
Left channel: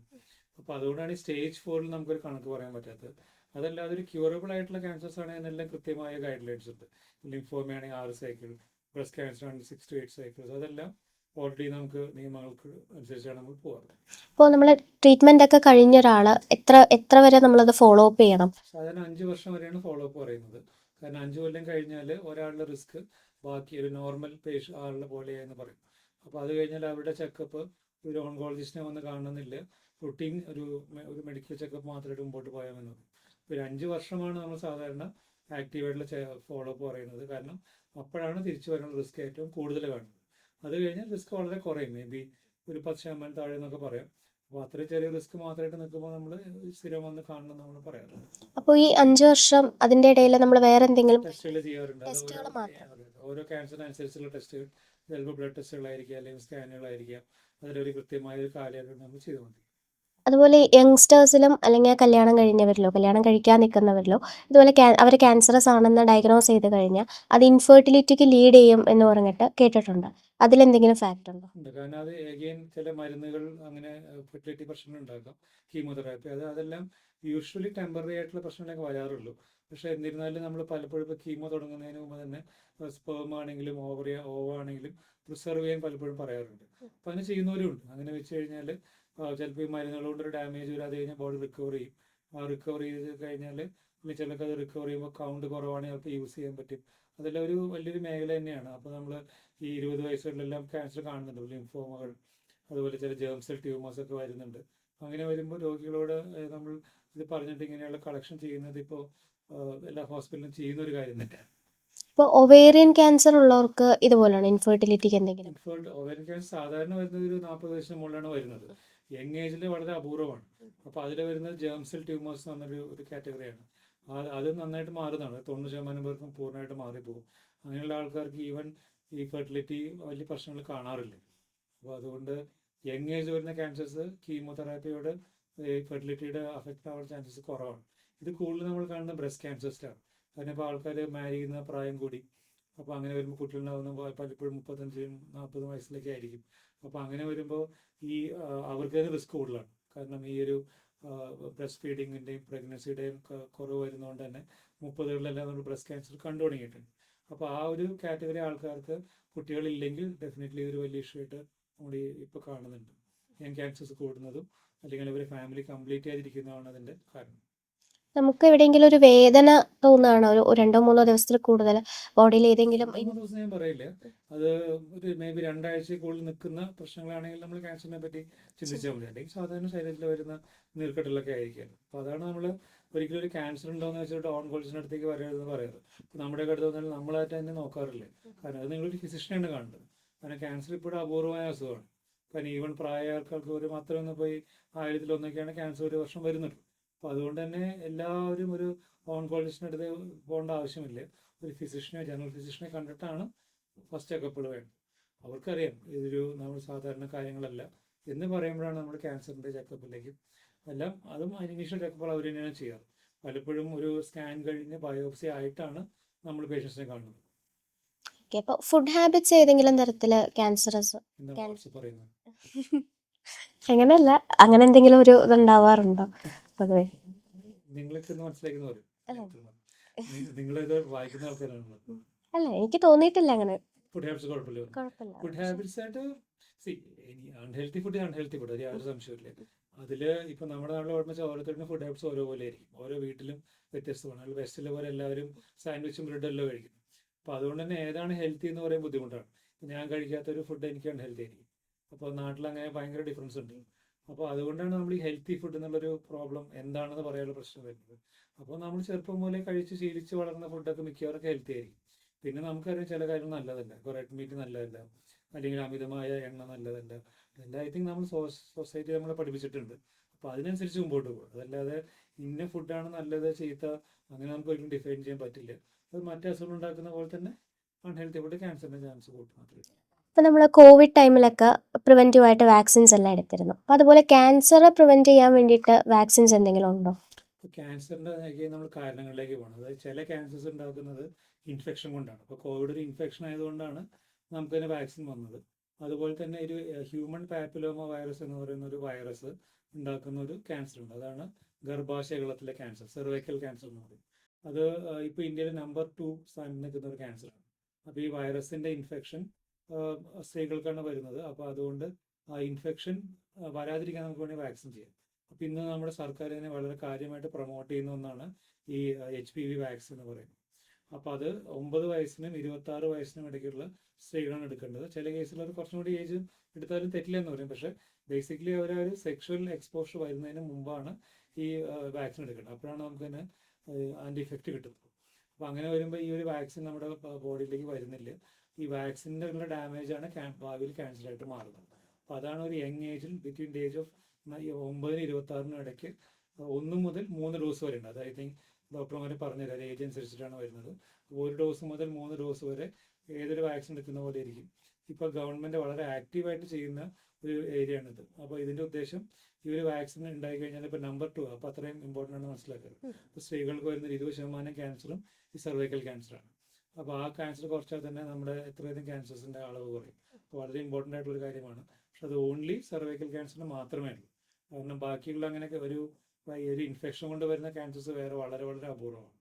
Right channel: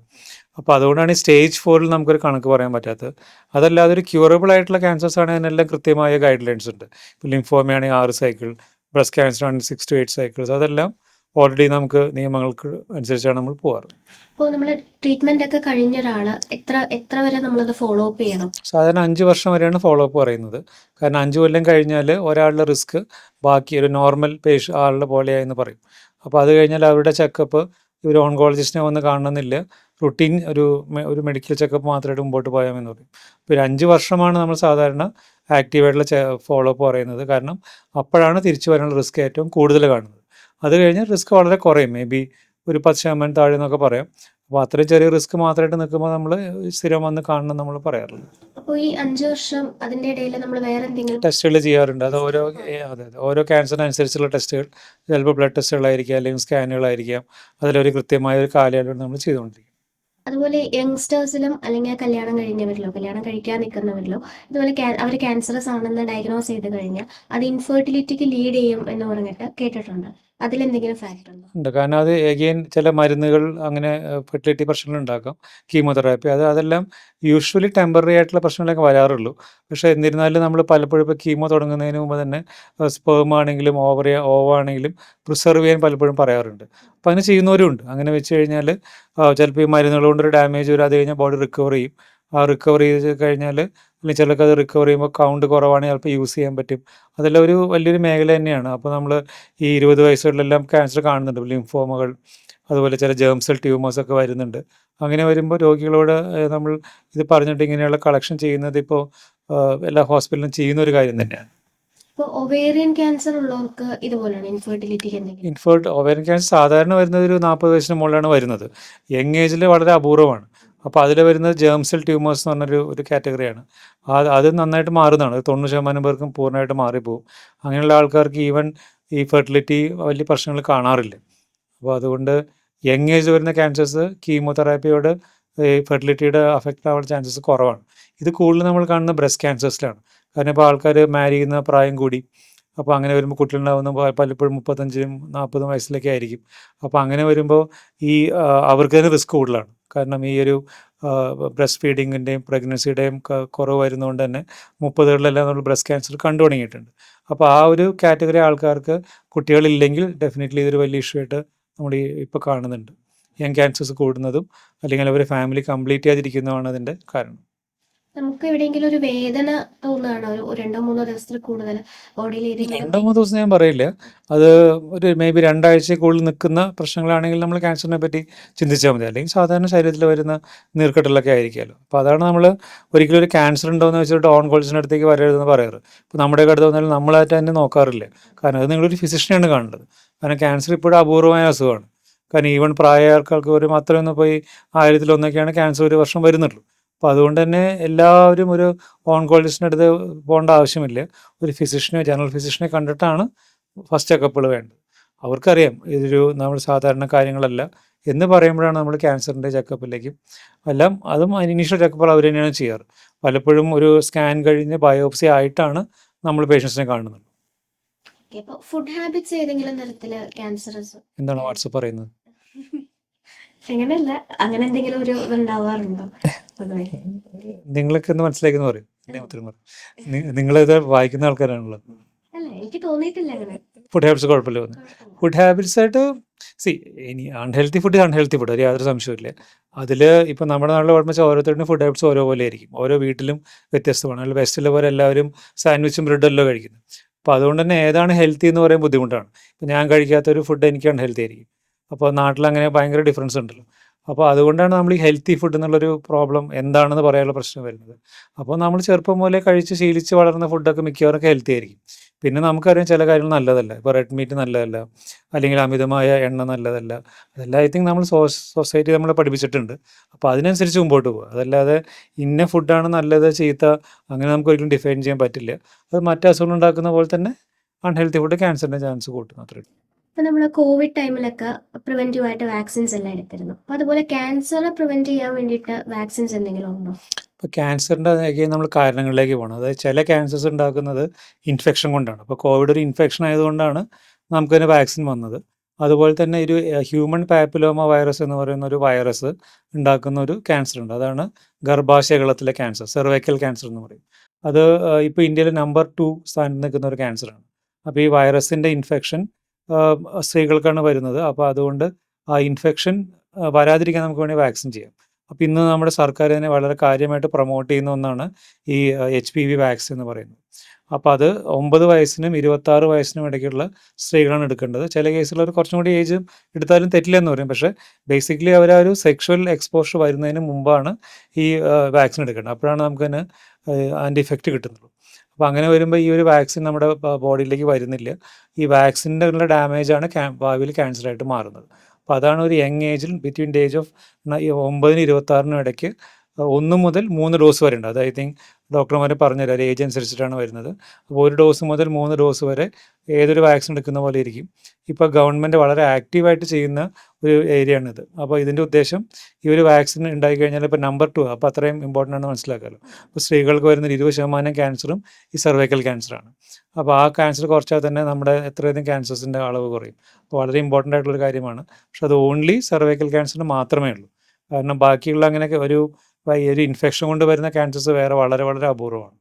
അപ്പോൾ അതുകൊണ്ടാണ് ഈ സ്റ്റേജ് 4ൽ നമുക്കൊരു കണക്ക് പറയാൻ പറ്റാത്തത്. അതല്ലാതെ ഒരു ക്യൂറബിൾ ആയിട്ടുള്ള ക്യാൻസേഴ്സ് ആണെങ്കിൽ അതിനെല്ലാം കൃത്യമായ ഗൈഡ് ലൈൻസ് ഉണ്ട്. ഇപ്പോൾ ലിംഫോമ ആണെങ്കിൽ 6 സൈക്കിൾ, ബ്രസ്റ്റ് ക്യാൻസർ ആണെങ്കിൽ 6 to 8 സൈക്കിൾസ്, അതെല്ലാം ഓൾറെഡി നമുക്ക് നിയമങ്ങൾക്ക് അനുസരിച്ചാണ് നമ്മൾ പോകാറ്. അപ്പോൾ നമ്മൾ ട്രീറ്റ്മെന്റ് ഒക്കെ കഴിഞ്ഞ ഒരാൾ എത്ര വരെ നമ്മളത് ഫോളോ അപ്പ് ചെയ്യണം? സാധാരണ 5 വർഷം വരെയാണ് ഫോളോ അപ്പ് പറയുന്നത്. കാരണം 5 കൊല്ലം കഴിഞ്ഞാൽ ഒരാളുടെ റിസ്ക് ബാക്കി ഒരു നോർമൽ ആളുടെ പോലെയായെന്ന് പറയും. അപ്പോൾ അത് കഴിഞ്ഞാൽ അവരുടെ ചെക്കപ്പ് ഒരു ഓൺകോളജിസ്റ്റിനെ വന്ന് കാണണമെന്നില്ല. റുട്ടീൻ ഒരു മെഡിക്കൽ ചെക്കപ്പ് മാത്രമായിട്ട് മുമ്പോട്ട് പോയാമെന്ന് പറയും. ഇപ്പോൾ ഒരു 5 വർഷമാണ് നമ്മൾ സാധാരണ ആക്റ്റീവായിട്ടുള്ള ഫോളോ അപ്പ് പറയുന്നത്. കാരണം അപ്പോഴാണ് തിരിച്ചു വരാനുള്ള റിസ്ക് ഏറ്റവും കൂടുതൽ കാണുന്നത്. അത് കഴിഞ്ഞാൽ റിസ്ക് വളരെ കുറയും. മേ ബി ഒരു 10% താഴെ എന്നൊക്കെ പറയാം. അപ്പോൾ അത്രയും ചെറിയ റിസ്ക് മാത്രമായിട്ട് നിൽക്കുമ്പോൾ നമ്മൾ സ്ഥിരം വന്ന് കാണണം നമ്മൾ പറയാറുണ്ട്. അപ്പോൾ ഈ 5 വർഷം അതിന്റെ ഇടയിൽ നമ്മൾ വേറെ എന്തെങ്കിലും ടെസ്റ്റുകൾ ചെയ്യാറുണ്ട്. അത് ഓരോ ടെസ്റ്റുകൾ അതെ ഓരോ ക്യാൻസറിനനുസരിച്ചുള്ള ടെസ്റ്റുകൾ, ചിലപ്പോൾ ബ്ലഡ് ടെസ്റ്റുകളായിരിക്കാം, അല്ലെങ്കിൽ സ്കാനുകളായിരിക്കാം. അതിലൊരു കൃത്യമായ ഒരു കാലയളവ് നമ്മൾ ചെയ്തുകൊണ്ടിരിക്കും. അതുപോലെ യങ്സ്റ്റേഴ്സിലും അല്ലെങ്കിൽ കല്യാണം കഴിക്കാൻ നിൽക്കുന്നവരിലോ ഇതുപോലെ അവർ ക്യാൻസറസ് ആണെന്ന് ഡയഗ്നോസ് ചെയ്ത് കഴിഞ്ഞാൽ അത് ഇൻഫെർട്ടിലിറ്റിക്ക് ലീഡ് ചെയ്യും എന്ന് പറഞ്ഞിട്ട് കേട്ടിട്ടുണ്ട്. അതിലെന്തെങ്കിലും ഫാക്ടർ ഉണ്ടോ? ഉണ്ട്. കാരണം അത് എഗെയിൻ ചില മരുന്നുകൾ അങ്ങനെ ഫെർട്ടിലിറ്റി പ്രശ്നങ്ങൾ ഉണ്ടാക്കാം. കീമോതെറാപ്പി അതെല്ലാം യൂഷ്വലി ടെമ്പററി ആയിട്ടുള്ള പ്രശ്നങ്ങളൊക്കെ വരാറുള്ളൂ. പക്ഷേ എന്നിരുന്നാലും നമ്മൾ പലപ്പോഴും ഇപ്പോൾ കീമോ തുടങ്ങുന്നതിന് മുമ്പ് തന്നെ സ്പേം ആണെങ്കിലും ഓവ ആണെങ്കിലും പ്രിസർവ് ചെയ്യാൻ പലപ്പോഴും പറയാറുണ്ട്. അപ്പോൾ അങ്ങനെ ചെയ്യുന്നവരും ഉണ്ട്. അങ്ങനെ വെച്ച് കഴിഞ്ഞാൽ ചിലപ്പോൾ ഈ മരുന്നുകൾ കൊണ്ടൊരു ഡാമേജ് വരും. അത് കഴിഞ്ഞാൽ ബോഡി റിക്കവർ ചെയ്യും. ആ റിക്കവർ ചെയ്ത് കഴിഞ്ഞാൽ അല്ലെങ്കിൽ ചിലർക്ക് അത് റിക്കവർ ചെയ്യുമ്പോൾ കൗണ്ട് കുറവാണെങ്കിൽ ചിലപ്പോൾ യൂസ് ചെയ്യാൻ പറ്റും. അതെല്ലാം ഒരു വലിയൊരു മേഖല തന്നെയാണ്. അപ്പോൾ നമ്മൾ ഈ 20 വയസ്സുകളിലെല്ലാം ക്യാൻസർ കാണുന്നുണ്ട്. ലിംഫോമകൾ, അതുപോലെ ചില ജേം സെൽ ട്യൂമേഴ്സ് ഒക്കെ വരുന്നുണ്ട്. അങ്ങനെ വരുമ്പോൾ രോഗികളോട് നമ്മൾ ഇത് പറഞ്ഞിട്ട് ഇങ്ങനെയുള്ള കളക്ഷൻ ചെയ്യുന്നത് ഇപ്പോൾ എല്ലാ ഹോസ്പിറ്റലിലും ചെയ്യുന്ന ഒരു കാര്യം തന്നെയാണ്. ഇപ്പോൾ ഒവേറിയൻ ക്യാൻസർ ഉള്ളവർക്ക് ഇതുപോലെയാണ് ഇൻഫെർട്ടിലിറ്റിക്ക് എന്തെങ്കിലും? ഓവേറിയൻ ക്യാൻസർ സാധാരണ വരുന്നത് ഒരു 40 വയസ്സിന് മുകളിലാണ് വരുന്നത്. യങ് ഏജിൽ വളരെ അപൂർവമാണ്. അപ്പോൾ അതിൽ വരുന്നത് ജേം സെൽ ട്യൂമേഴ്സ് എന്ന് പറഞ്ഞൊരു കാറ്റഗറിയാണ്. അത് നന്നായിട്ട് മാറുന്നതാണ്. 90% പേർക്കും പൂർണ്ണമായിട്ട് മാറിപ്പോകും. അങ്ങനെയുള്ള ആൾക്കാർക്ക് ഈവൻ ഈ ഫെർട്ടിലിറ്റി വലിയ പ്രശ്നങ്ങൾ കാണാറില്ല. അപ്പോൾ അതുകൊണ്ട് യങ് ഏജിൽ വരുന്ന ക്യാൻസേഴ്സ് കീമോതെറാപ്പിയോട് ഈ ഫെർട്ടിലിറ്റിയുടെ അഫക്റ്റ് ആവാനുള്ള ചാൻസസ് കുറവാണ്. ഇത് കൂടുതൽ നമ്മൾ കാണുന്നത് ബ്രസ്റ്റ് ക്യാൻസേഴ്സിലാണ്. കാരണം ഇപ്പോൾ ആൾക്കാർ മാരി ചെയ്യുന്ന പ്രായം കൂടി. അപ്പോൾ അങ്ങനെ വരുമ്പോൾ കുട്ടികളുണ്ടാകുന്ന പലപ്പോഴും 35 40 വയസ്സിലൊക്കെ ആയിരിക്കും. അപ്പോൾ അങ്ങനെ വരുമ്പോൾ ഈ അവർക്ക് തന്നെ റിസ്ക് കൂടുതലാണ്. കാരണം ഈ ഒരു ബ്രസ്റ്റ് ഫീഡിങ്ങിൻ്റെയും പ്രഗ്നൻസിയുടെയും കുറവ് വരുന്നതുകൊണ്ട് തന്നെ 30കളിലെല്ലാം നമ്മൾ ബ്രസ്റ്റ് ക്യാൻസർ കണ്ടു തുടങ്ങിയിട്ടുണ്ട്. അപ്പോൾ ആ ഒരു കാറ്റഗറി ആൾക്കാർക്ക് കുട്ടികളില്ലെങ്കിൽ ഡെഫിനറ്റ്ലി ഇതൊരു വലിയ ഇഷ്യൂ ആയിട്ട് നമ്മൾ ഇപ്പോൾ കാണുന്നുണ്ട്. യങ് ക്യാൻസേഴ്സ് കൂടുന്നതും അല്ലെങ്കിൽ അവർ ഫാമിലി കംപ്ലീറ്റ് ചെയ്യാതിരിക്കുന്നതുമാണ് അതിൻ്റെ കാരണം. നമുക്ക് എവിടെയെങ്കിലും ഒരു വേദന തോന്നുകയാണോ ഒരു 2-3 ദിവസത്തിൽ കൂടുതൽ ബോഡിയിൽ ഏതെങ്കിലും 2-3 ദിവസം ഞാൻ പറയില്ല. അത് ഒരു മേ ബി 2 ആഴ്ചയ്ക്കുള്ളിൽ നിൽക്കുന്ന പ്രശ്നങ്ങളാണെങ്കിൽ നമ്മൾ ക്യാൻസറിനെ പറ്റി ചിന്തിച്ചാൽ മതി. അല്ലെങ്കിൽ സാധാരണ ശരീരത്തിൽ വരുന്ന നീർക്കെട്ടലൊക്കെ ആയിരിക്കുമല്ലോ. അപ്പോൾ അതാണ് നമ്മൾ ഒരിക്കലും ഒരു ക്യാൻസർ ഉണ്ടോയെന്ന് വെച്ചിട്ട് ഓൺകോളജിസ്റ്റിൻ്റെ അടുത്തേക്ക് വരരുതെന്ന് പറയാറ്. ഇപ്പോൾ നമ്മുടെയൊക്കെ അടുത്ത് വന്നാലും നമ്മളായിട്ട് തന്നെ നോക്കാറില്ല. കാരണം അത് നിങ്ങളൊരു ഫിസിഷ്യനെയാണ് കാണേണ്ടത്. കാരണം ക്യാൻസർ ഇപ്പോഴും അപൂർവമായ അസുഖമാണ്. കാരണം ഈവൻ പ്രായമായ ആൾക്കാർക്ക് ഒരു അത്രയൊന്നും പോയി 1000-1 ക്യാൻസർ ഒരു വർഷം വരുന്നുള്ളൂ. അപ്പോൾ അതുകൊണ്ട് തന്നെ എല്ലാവരും ഒരു ഓൺകോളജിസ്റ്റിൻ്റെ അടുത്ത് പോകേണ്ട ആവശ്യമില്ല. ഒരു ഫിസിഷ്യനെ ജനറൽ ഫിസിഷ്യനെ കണ്ടിട്ടാണ് ഫസ്റ്റ് ചെക്കപ്പുകൾ വേണ്ടത്. അവർക്കറിയാം ഇതൊരു നമ്മൾ സാധാരണ കാര്യങ്ങളല്ല എന്ന് പറയുമ്പോഴാണ് നമ്മൾ ക്യാൻസറിൻ്റെ ചെക്കപ്പിലേക്കും അതും ഇനീഷ്യൽ ചെക്കപ്പുകൾ അവർ തന്നെയാണ് ചെയ്യാറ്. പലപ്പോഴും ഒരു സ്കാൻ കഴിഞ്ഞ് ബയോപ്സി ആയിട്ടാണ് നമ്മൾ പേഷ്യൻസിനെ കാണുന്നത്. ഓക്കെ. അപ്പോൾ ഫുഡ് ഹാബിറ്റ്സ് ഏതെങ്കിലും തരത്തിൽ ക്യാൻസറസ് എന്താണ് വാട്സപ്പ് പറയുന്നത്? അങ്ങനെയല്ല, അങ്ങനെ എന്തെങ്കിലും ഒരു ഇതുണ്ടാവാറുണ്ടോ പൊതുവെ? നിങ്ങളൊക്കെ ഒന്ന് മനസ്സിലാക്കുന്നു പറയും. അല്ല, ഉത്തരം പറയും. നിങ്ങളിത് വായിക്കുന്ന ആൾക്കാരാണല്ലോ. അല്ല, എനിക്ക് തോന്നിയിട്ടില്ല അങ്ങനെ. ഫുഡ് ഹാബിറ്റ്സ് കുഴപ്പമില്ല. കുഴപ്പമില്ല. ഫുഡ് ഹാബിറ്റ്സ് ആയിട്ട് ഇനി അൺഹെൽത്തി ഫുഡ് അൺഹെൽത്തി ഫുഡ്, ഒരു യാതൊരു സംശയമില്ല. അതിൽ ഇപ്പം നമ്മുടെ നാട്ടിൽ കുഴപ്പമെന്ന് വെച്ചാൽ ഓരോരുത്തരുടെയും ഫുഡ് ഹാബിറ്റ്സ് ഓരോ പോലെ ആയിരിക്കും. ഓരോ വീട്ടിലും വ്യത്യസ്തമാണ്. അതിൽ വെസ്റ്റിലെ പോലെ എല്ലാവരും സാൻഡ്വിച്ചും ബ്രെഡല്ലോ കഴിക്കുന്നത്. അപ്പോൾ അതുകൊണ്ട് തന്നെ ഏതാണ് ഹെൽത്തി എന്ന് പറയാൻ ബുദ്ധിമുട്ടാണ്. ഇപ്പം ഞാൻ കഴിക്കാത്തൊരു ഫുഡ് എനിക്ക് അൺഹെൽത്തി ആയിരിക്കും. അപ്പോൾ നാട്ടിലങ്ങനെ ഭയങ്കര ഡിഫറൻസ് ഉണ്ടല്ലോ. അപ്പോൾ അതുകൊണ്ടാണ് നമ്മൾ ഈ ഹെൽത്തി ഫുഡ് എന്നുള്ളൊരു പ്രോബ്ലം എന്താണെന്ന് പറയാനുള്ള പ്രശ്നം വരുന്നത്. അപ്പോൾ നമ്മൾ ചെറുപ്പം മുതലേ കഴിച്ച് ശീലിച്ച് വളർന്ന ഫുഡൊക്കെ മിക്കവാറൊക്കെ ഹെൽത്തി ആയിരിക്കും. പിന്നെ നമുക്കറിയാം ചില കാര്യങ്ങൾ നല്ലതല്ല. ഇപ്പോൾ റെഡ് മീറ്റ് നല്ലതല്ല, അല്ലെങ്കിൽ അമിതമായ എണ്ണ നല്ലതല്ല. അതെല്ലാം ഐ തിങ്ക് നമ്മൾ സൊസൈറ്റി നമ്മളെ പഠിപ്പിച്ചിട്ടുണ്ട്. അപ്പോൾ അതിനനുസരിച്ച് മുമ്പോട്ട് പോകുക. അതല്ലാതെ ഇന്ന ഫുഡാണ് നല്ലത് ചീത്ത അങ്ങനെ നമുക്ക് ഒരിക്കലും ഡിഫൈൻ ചെയ്യാൻ പറ്റില്ല. അത് മറ്റ് അസുഖങ്ങൾ ഉണ്ടാക്കുന്ന പോലെ തന്നെ അൺഹെൽത്തി ഫുഡ് ക്യാൻസറിൻ്റെ ചാൻസ് കൂട്ടും, അത്രേ ഉള്ളൂ. ഇപ്പം നമ്മൾ കോവിഡ് ടൈമിലൊക്കെ പ്രിവെൻറ്റീവ് ആയിട്ട് വാക്സിൻസ് എല്ലാം എടുത്തിരുന്നു. അപ്പം അതുപോലെ ക്യാൻസർ പ്രിവെൻറ്റ് ചെയ്യാൻ വേണ്ടിയിട്ട് വാക്സിൻസ് എന്തെങ്കിലും ഉണ്ടോ? ഇപ്പോൾ ക്യാൻസറിൻ്റെ നമ്മൾ കാരണങ്ങളിലേക്ക് പോകണം. അതായത് ചില ക്യാൻസേഴ്സ് ഉണ്ടാക്കുന്നത് ഇൻഫെക്ഷൻ കൊണ്ടാണ്. അപ്പോൾ കോവിഡ് ഒരു ഇൻഫെക്ഷൻ ആയതുകൊണ്ടാണ് നമുക്കതിന് വാക്സിൻ വന്നത്. അതുപോലെ തന്നെ ഒരു ഹ്യൂമൻ പാപ്പിലോമ വൈറസ് എന്ന് പറയുന്ന ഒരു വൈറസ് ഉണ്ടാക്കുന്ന ഒരു ക്യാൻസർ ഉണ്ട്. അതാണ് ഗർഭാശയകളത്തിലെ ക്യാൻസർ, സെർവൈക്കൽ ക്യാൻസർ എന്ന് പറയും. അത് ഇപ്പോൾ ഇന്ത്യയിൽ നമ്പർ 2 സ്ഥാനത്ത് നിൽക്കുന്ന ഒരു ക്യാൻസറാണ്. അപ്പോൾ ഈ വൈറസിൻ്റെ ഇൻഫെക്ഷൻ സ്ത്രീകൾക്കാണ് വരുന്നത്. അപ്പോൾ അതുകൊണ്ട് ആ ഇൻഫെക്ഷൻ വരാതിരിക്കാൻ നമുക്ക് വേണമെങ്കിൽ വാക്സിൻ ചെയ്യാം. അപ്പോൾ ഇന്ന് നമ്മുടെ സർക്കാർ തന്നെ വളരെ കാര്യമായിട്ട് പ്രൊമോട്ട് ചെയ്യുന്ന ഒന്നാണ് ഈ HPV വാക്സിൻ എന്ന് പറയുന്നത്. അപ്പോൾ അത് 9 വയസ്സിനും 26 വയസ്സിനും ഇടയ്ക്കുള്ള സ്ത്രീകളാണ് എടുക്കേണ്ടത്. ചില കേസുകൾ കുറച്ചും കൂടി ഏജ് എടുത്താലും തെറ്റില്ലെന്ന് പറയും. പക്ഷേ ബേസിക്കലി അവർ ആ ഒരു സെക്ഷുവൽ എക്സ്പോഷർ വരുന്നതിന് മുമ്പാണ് ഈ വാക്സിൻ എടുക്കേണ്ടത്. അപ്പോഴാണ് നമുക്കതിന് അതിൻ്റെ ഇഫക്റ്റ് കിട്ടുന്നുള്ളൂ. അപ്പോൾ അങ്ങനെ വരുമ്പോൾ ഈ ഒരു വാക്സിൻ നമ്മുടെ ബോഡിയിലേക്ക് വരുന്നില്ല. ഈ വാക്സിൻ്റെ ഉള്ള ഡാമേജാണ് ഭാവിയിൽ ക്യാൻസറായിട്ട് മാറുന്നത്. അപ്പോൾ അതാണ് ഒരു യങ് ഏജിൽ ബിറ്റ്വീൻ ദ ഏജ് ഓഫ് 9-നും 26-നും ഇടയ്ക്ക് 1 മുതൽ 3 ഡോസ് വരെ ഉണ്ട്. അത് ഐ തിങ്ക് ഡോക്ടർമാർ പറഞ്ഞുതരാം, ഏജ് അനുസരിച്ചിട്ടാണ് വരുന്നത്. അപ്പോൾ 1 ഡോസ് മുതൽ 3 ഡോസ് വരെ ഏതൊരു വാക്സിൻ എടുക്കുന്ന പോലെ ഇരിക്കും. ഇപ്പോൾ ഗവൺമെൻറ് വളരെ ആക്റ്റീവായിട്ട് ചെയ്യുന്ന ഒരു ഏരിയയാണിത്. അപ്പോൾ ഇതിൻ്റെ ഉദ്ദേശം ഈ ഒരു വാക്സിൻ ഉണ്ടായിക്കഴിഞ്ഞാൽ ഇപ്പോൾ നമ്പർ 2 അപ്പോൾ അത്രയും ഇമ്പോർട്ടൻ്റ് ആണ് മനസ്സിലാക്കാമല്ലോ. അപ്പോൾ സ്ത്രീകൾക്ക് വരുന്ന 20% ക്യാൻസറും ഈ സെർവൈക്കൽ ക്യാൻസറാണ്. അപ്പോൾ ആ ക്യാൻസർ കുറച്ചാൽ തന്നെ നമ്മുടെ എത്രയധികം ക്യാൻസേഴ്സിൻ്റെ അളവ് കുറയും. അപ്പോൾ വളരെ ഇമ്പോർട്ടൻ്റ് ആയിട്ടുള്ളൊരു കാര്യമാണ്. പക്ഷെ അത് ഓൺലി സെർവൈക്കൽ ക്യാൻസറിന് മാത്രമേ ഉള്ളൂ. കാരണം ബാക്കിയുള്ള അങ്ങനെയൊക്കെ ഒരു ഇൻഫെക്ഷൻ കൊണ്ട് വരുന്ന ക്യാൻസേഴ്സ് വേറെ വളരെ വളരെ അപൂർവമാണ്.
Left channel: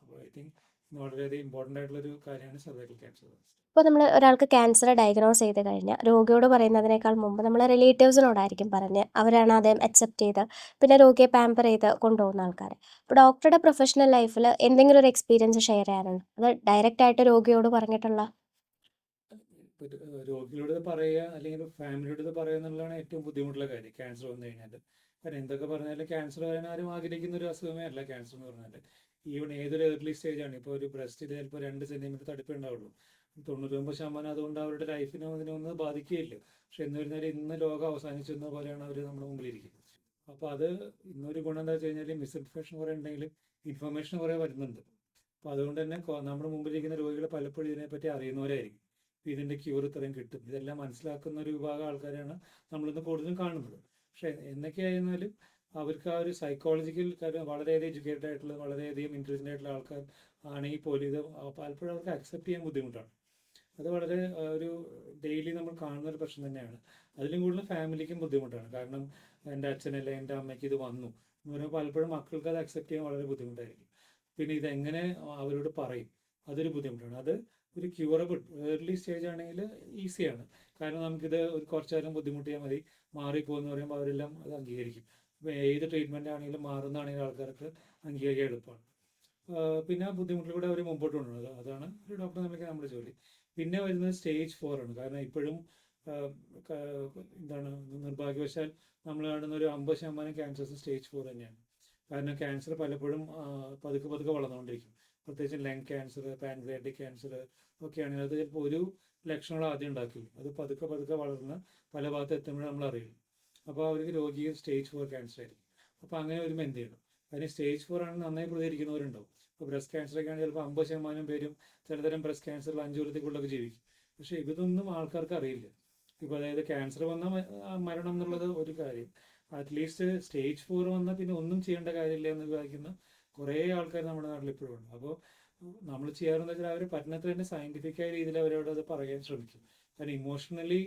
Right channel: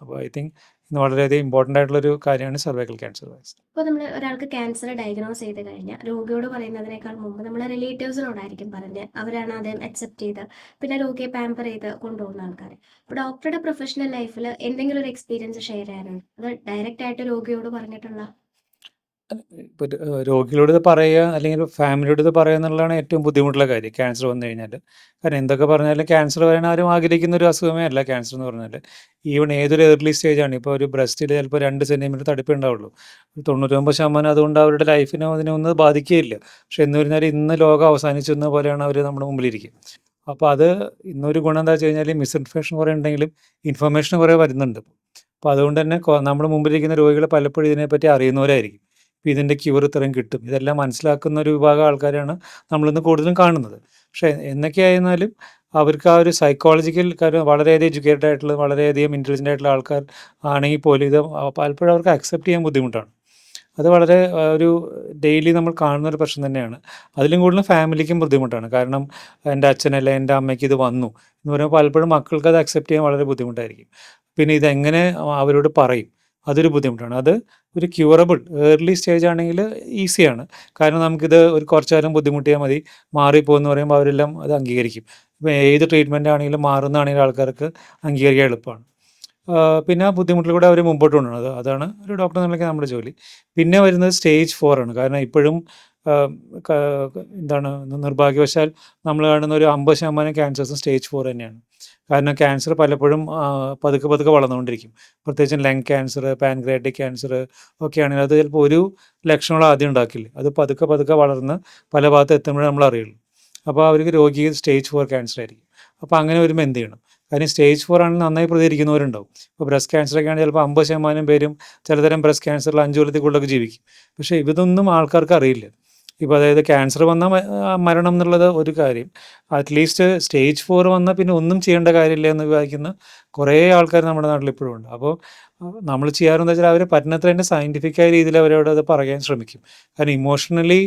അപ്പോൾ ഐ തിങ്ക് ഇന്ന് വളരെയധികം ഇമ്പോർട്ടൻ്റ് ആയിട്ടുള്ളൊരു കാര്യമാണ് സെർവൈക്കൽ ക്യാൻസർ വാക്സിൻ. ഇപ്പോൾ നമ്മൾ ഒരാൾക്ക് ക്യാൻസർ ഡയഗ്നോസ് ചെയ്ത് കഴിഞ്ഞാൽ രോഗിയോട് പറയുന്നതിനേക്കാൾ മുമ്പ് നമ്മൾ റിലേറ്റീവ്സിനോടായിരിക്കും പറഞ്ഞ് അവരാണ് അദ്ദേഹം അക്സെപ്റ്റ് ചെയ്ത് പിന്നെ രോഗിയെ പാമ്പർ ചെയ്ത് കൊണ്ടുപോകുന്ന ആൾക്കാർ. ഇപ്പോൾ ഡോക്ടറുടെ പ്രൊഫഷണൽ ലൈഫിൽ എന്തെങ്കിലും ഒരു എക്സ്പീരിയൻസ് ഷെയർ ചെയ്യാനുണ്ട്, അത് ഡയറക്റ്റ് ആയിട്ട് രോഗിയോട് പറഞ്ഞിട്ടുള്ള? ഇപ്പോൾ രോഗികളോട് ഇത് പറയുക അല്ലെങ്കിൽ ഫാമിലിയോട് ഇത് പറയുക എന്നുള്ളതാണ് ഏറ്റവും ബുദ്ധിമുട്ടുള്ള കാര്യം ക്യാൻസർ വന്നു കഴിഞ്ഞാൽ. കാരണം എന്തൊക്കെ പറഞ്ഞാലും ക്യാൻസർ വരാൻ ആരും ആഗ്രഹിക്കുന്ന ഒരു അസുഖമേ അല്ല ക്യാൻസർ എന്ന് പറഞ്ഞാൽ. ഈവൺ ഏതൊരു ഏർലി സ്റ്റേജാണ്. ഇപ്പോൾ ഒരു ബ്രസ്റ്റിൽ ചിലപ്പോൾ 2 സെൻറ്റിമീറ്റർ തടിപ്പേ ഉണ്ടാവുള്ളൂ. 99% അതുകൊണ്ട് അവരുടെ ലൈഫിനോ അതിനൊന്നും ബാധിക്കുകയില്ല. പക്ഷെ എന്ന് പറഞ്ഞാൽ ഇന്ന് ലോകം അവസാനിച്ചെന്ന പോലെയാണ് അവർ നമ്മുടെ മുമ്പിലിരിക്കും. അപ്പോൾ അത് ഇന്നൊരു ഗുണം എന്താ വെച്ച് കഴിഞ്ഞാൽ മിസ്ഇൻഫർമേഷൻ കുറേ ഉണ്ടെങ്കിലും ഇൻഫർമേഷൻ കുറേ വരുന്നുണ്ട്. അപ്പോൾ അതുകൊണ്ട് തന്നെ നമ്മുടെ മുമ്പിലിരിക്കുന്ന രോഗികൾ പലപ്പോഴും ഇതിനെപ്പറ്റി അറിയുന്നവരായിരിക്കും. ഇപ്പോൾ ഇതിൻ്റെ ക്യൂർ ഇത്രയും കിട്ടും, ഇതെല്ലാം മനസ്സിലാക്കുന്ന ഒരു വിഭാഗം ആൾക്കാരാണ് നമ്മളിന്ന് കൂടുതലും കാണുന്നത്. പക്ഷേ എന്നൊക്കെയായിരുന്നാലും അവർക്ക് ആ ഒരു സൈക്കോളജിക്കൽ കാര്യം വളരെയധികം എഡ്യൂക്കേറ്റഡ് ആയിട്ടുള്ള വളരെയധികം ഇൻ്റലിജൻ്റ് ആയിട്ടുള്ള ആൾക്കാർ ആണെങ്കിൽ പോലും ഇത് പലപ്പോഴും അവർക്ക് അക്സെപ്റ്റ് ചെയ്യാൻ ബുദ്ധിമുട്ടാണ്. അത് വളരെ ഒരു ഡെയിലി നമ്മൾ കാണുന്നൊരു പ്രശ്നം തന്നെയാണ്. അതിലും കൂടുതലും ഫാമിലിക്കും ബുദ്ധിമുട്ടാണ്. കാരണം എൻ്റെ അച്ഛനല്ല എൻ്റെ അമ്മയ്ക്ക് ഇത് വന്നു എന്ന് പറയുമ്പോൾ പലപ്പോഴും മക്കൾക്ക് അത് അക്സെപ്റ്റ് ചെയ്യാൻ വളരെ ബുദ്ധിമുട്ടായിരിക്കും. പിന്നെ ഇതെങ്ങനെ അവരോട് പറയും, അതൊരു ബുദ്ധിമുട്ടാണ്. അത് ഒരു ക്യൂറബിൾ ഏർലി സ്റ്റേജ് ആണെങ്കിൽ ഈസിയാണ്. കാരണം നമുക്കിത് ഒരു കുറച്ച് കാലം ബുദ്ധിമുട്ടിയാൽ മതി, മാറിപ്പോകുമെന്ന് പറയുമ്പോൾ അവരെല്ലാം അത് അംഗീകരിക്കും. ഇപ്പോൾ ഏത് ട്രീറ്റ്മെൻ്റ് ആണെങ്കിലും മാറുന്നതാണെങ്കിലും ആൾക്കാർക്ക് അംഗീകരിക്കാൻ എളുപ്പമാണ്. പിന്നെ ആ ബുദ്ധിമുട്ടിൽ കൂടെ അവർ മുമ്പോട്ട് കൊണ്ടുപോകണം. അതാണ് ഒരു ഡോക്ടർ എന്നുള്ള നമ്മുടെ ജോലി. പിന്നെ വരുന്നത് സ്റ്റേജ് 4 ആണ്. കാരണം ഇപ്പോഴും എന്താണ് നിർഭാഗ്യവശാൽ നമ്മൾ കാണുന്ന ഒരു 50% ക്യാൻസേഴ്സും സ്റ്റേജ് 4 തന്നെയാണ്. കാരണം ക്യാൻസർ പലപ്പോഴും പതുക്കെ പതുക്കെ വളർന്നുകൊണ്ടിരിക്കും. പ്രത്യേകിച്ചും ലങ് ക്യാൻസർ, പാൻക്രിയാറ്റിക് ക്യാൻസർ ഒക്കെ ആണെങ്കിൽ അത് ചിലപ്പോൾ ഒരു ലക്ഷണങ്ങൾ ആദ്യം ഉണ്ടാക്കില്ല. അത് പതുക്കെ പതുക്കെ വളർന്ന് പല ഭാഗത്ത് എത്തുമ്പോഴേ നമ്മൾ അറിയുള്ളൂ. അപ്പോൾ അവർക്ക് രോഗിക്ക് സ്റ്റേജ് 4 ക്യാൻസർ ആയിരിക്കും. അപ്പോൾ അങ്ങനെ വരുമ്പോൾ എന്ത് ചെയ്യണം? കാര്യം സ്റ്റേജ് 4 ആണെങ്കിൽ നന്നായി പ്രതികരിക്കുന്നവരുണ്ടാവും. ഇപ്പോൾ ബ്രസ്റ്റ് ക്യാൻസറൊക്കെ ആണെങ്കിൽ ചിലപ്പോൾ 50% പേരും ചിലതരം ബ്രസ്റ്റ് ക്യാൻസറിൽ 5 കൊല്ലത്തിൽ കൂടുതലൊക്കെ ജീവിക്കും. പക്ഷേ ഇതൊന്നും ആൾക്കാർക്ക് അറിയില്ല. ഇപ്പോൾ അതായത് ക്യാൻസർ വന്നാൽ മരണം എന്നുള്ളത് ഒരു കാര്യം, അറ്റ്ലീസ്റ്റ് സ്റ്റേജ് 4 വന്നാൽ പിന്നെ ഒന്നും ചെയ്യേണ്ട കാര്യമില്ല എന്ന് വിചാരിക്കുന്ന കുറേ ആൾക്കാർ നമ്മുടെ നാട്ടിൽ ഇപ്പോഴും ഉണ്ട്. അപ്പോൾ നമ്മൾ ചെയ്യാറെന്ന് വെച്ചാൽ അവർ പറ്റുന്നത്ര തന്നെ സയൻറ്റിഫിക്കായ രീതിയിൽ അവരോട് അത് പറയാൻ ശ്രമിക്കും. കാരണം ഇമോഷണലി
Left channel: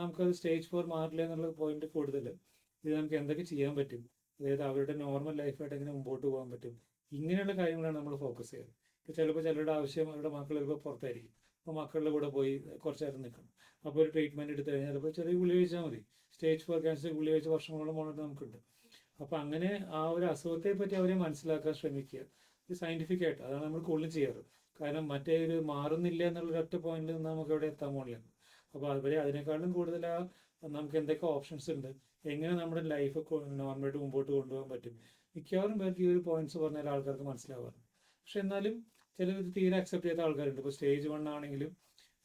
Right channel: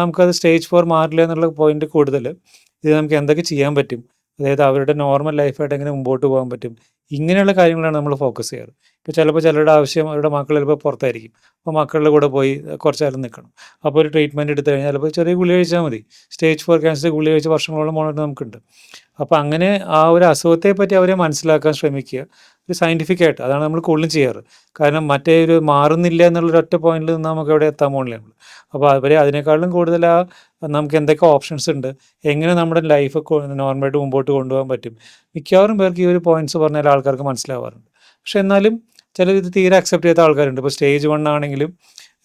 നമുക്കത് സ്റ്റേജ് 4 മാറില്ല എന്നുള്ള പോയിന്റ് കൂടുതൽ ഇത് നമുക്ക് എന്തൊക്കെ ചെയ്യാൻ പറ്റും, അതായത് അവരുടെ നോർമൽ ലൈഫായിട്ട് എങ്ങനെ മുമ്പോട്ട് പോകാൻ പറ്റും, ഇങ്ങനെയുള്ള കാര്യങ്ങളാണ് നമ്മൾ ഫോക്കസ് ചെയ്യാറ്. ഇപ്പോൾ ചിലപ്പോൾ ചിലരുടെ ആവശ്യം അവരുടെ മക്കൾ ചിലപ്പോൾ പുറത്തായിരിക്കും. അപ്പോൾ മക്കളുടെ കൂടെ പോയി കുറച്ച് നേരം നിൽക്കണം. അപ്പോൾ ഒരു ട്രീറ്റ്മെൻറ്റ് എടുത്തു കഴിഞ്ഞാൽ ചിലപ്പോൾ ചെറിയ ഗുളിക കഴിച്ചാൽ മതി. സ്റ്റേജ് 4 ക്യാൻസർ ഗുളിക കഴിച്ച് വർഷങ്ങളോളം പോകേണ്ടത് നമുക്കുണ്ട്. അപ്പോൾ അങ്ങനെ ആ ഒരു അസുഖത്തെ പറ്റി അവരെ മനസ്സിലാക്കാൻ ശ്രമിക്കുക. ഒരു സയൻറ്റിഫിക് ആയിട്ട്. അതാണ് നമ്മൾ കൂടുതലും ചെയ്യാറ്. കാരണം മറ്റേ ഒരു മാറുന്നില്ല എന്നുള്ളൊരു ഒറ്റ പോയിന്റിൽ നിന്ന് നമുക്ക് എവിടെ എത്താൻ പോണില്ല നമ്മൾ. അപ്പോൾ അവരെ അതിനേക്കാളും കൂടുതൽ നമുക്ക് എന്തൊക്കെ ഓപ്ഷൻസ് ഉണ്ട്, എങ്ങനെ നമ്മുടെ ലൈഫ് നോർമലായിട്ട് മുമ്പോട്ട് കൊണ്ടുപോകാൻ പറ്റും. മിക്കവാറും പേർക്ക് ഈ ഒരു പോയിന്റ്സ് പറഞ്ഞാൽ ആൾക്കാർക്ക് മനസ്സിലാവാറുണ്ട്. പക്ഷെ എന്നാലും ചിലർ ഇത് തീരെ അക്സെപ്റ്റ് ചെയ്യാത്ത ആൾക്കാരുണ്ട്. ഇപ്പോൾ സ്റ്റേജ് 1 ആണെങ്കിലും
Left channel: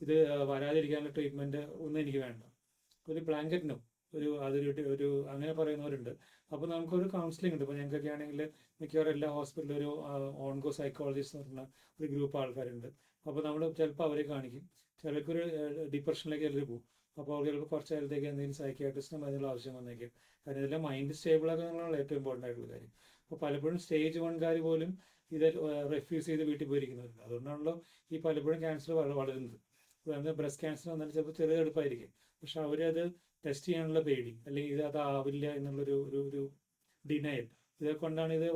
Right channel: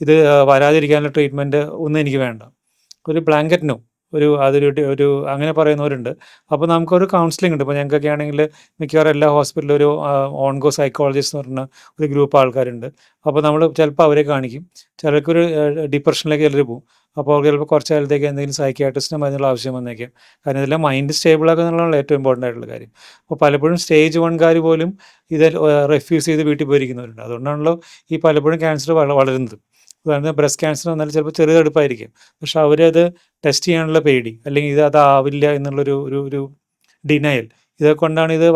ഇത് വരാതിരിക്കാനുള്ള ട്രീറ്റ്മെൻറ്റ് ഒന്നും എനിക്ക് വേണ്ട, ഒരു ബ്ലാങ്കറ്റ് നോ, ഒരു അങ്ങനെ പറയുന്നവരുണ്ട്. അപ്പോൾ നമുക്കൊരു കൗൺസിലിംഗ് ഉണ്ട്. ഇപ്പോൾ ഞങ്ങൾക്കൊക്കെ ആണെങ്കിൽ മിക്കവാറും എല്ലാ ഹോസ്പിറ്റലിലും ഒരു ഓൺകോ സൈക്കോളജിസ്റ്റ് എന്ന് പറഞ്ഞ ഒരു ഗ്രൂപ്പ് ആൾക്കാരുണ്ട്. അപ്പോൾ നമ്മൾ ചിലപ്പോൾ അവരെ കാണിക്കും. ചിലർക്കൊരു ഡിപ്രഷനിലേക്ക് ചിലർ പോകും. അപ്പോൾ അവർക്ക് ചിലപ്പോൾ കുറച്ച് കാലത്തേക്ക് എന്തെങ്കിലും സൈക്യാട്രിസ്റ്റിൻ്റെ മരുന്നുള്ള ആവശ്യം വന്നേക്കാം. കാരണം ഇതെല്ലാം മൈൻഡ് സ്റ്റേബിളാക്കുക എന്നുള്ളതാണ് ഏറ്റവും ഇമ്പോർട്ടൻ്റ് ആയിട്ടുള്ള കാര്യം. അപ്പോൾ പലപ്പോഴും സ്റ്റേജ് 1 പോലും ഇത് റെഫ്യൂസ് ചെയ്ത് വീട്ടിൽ പോയിരിക്കുന്നവരുണ്ട്. അതുകൊണ്ടാണല്ലോ ഈ പലപ്പോഴും ക്യാൻസർ വളരുന്നത്. ഉദാഹരണത്തിന് ബ്രസ്റ്റ് ക്യാൻസർ വന്നാൽ ചിലപ്പോൾ ചെറിയ തടുപ്പായിരിക്കും, പക്ഷെ അവരത് ടെസ്റ്റ് ചെയ്യാനുള്ള പേടി, അല്ലെങ്കിൽ ഇത് അതാവില്ല എന്നുള്ളൊരു ഒരു ഒരു ഡിനയൽ, ഇതൊക്കെ കൊണ്ടാണ് ഇത്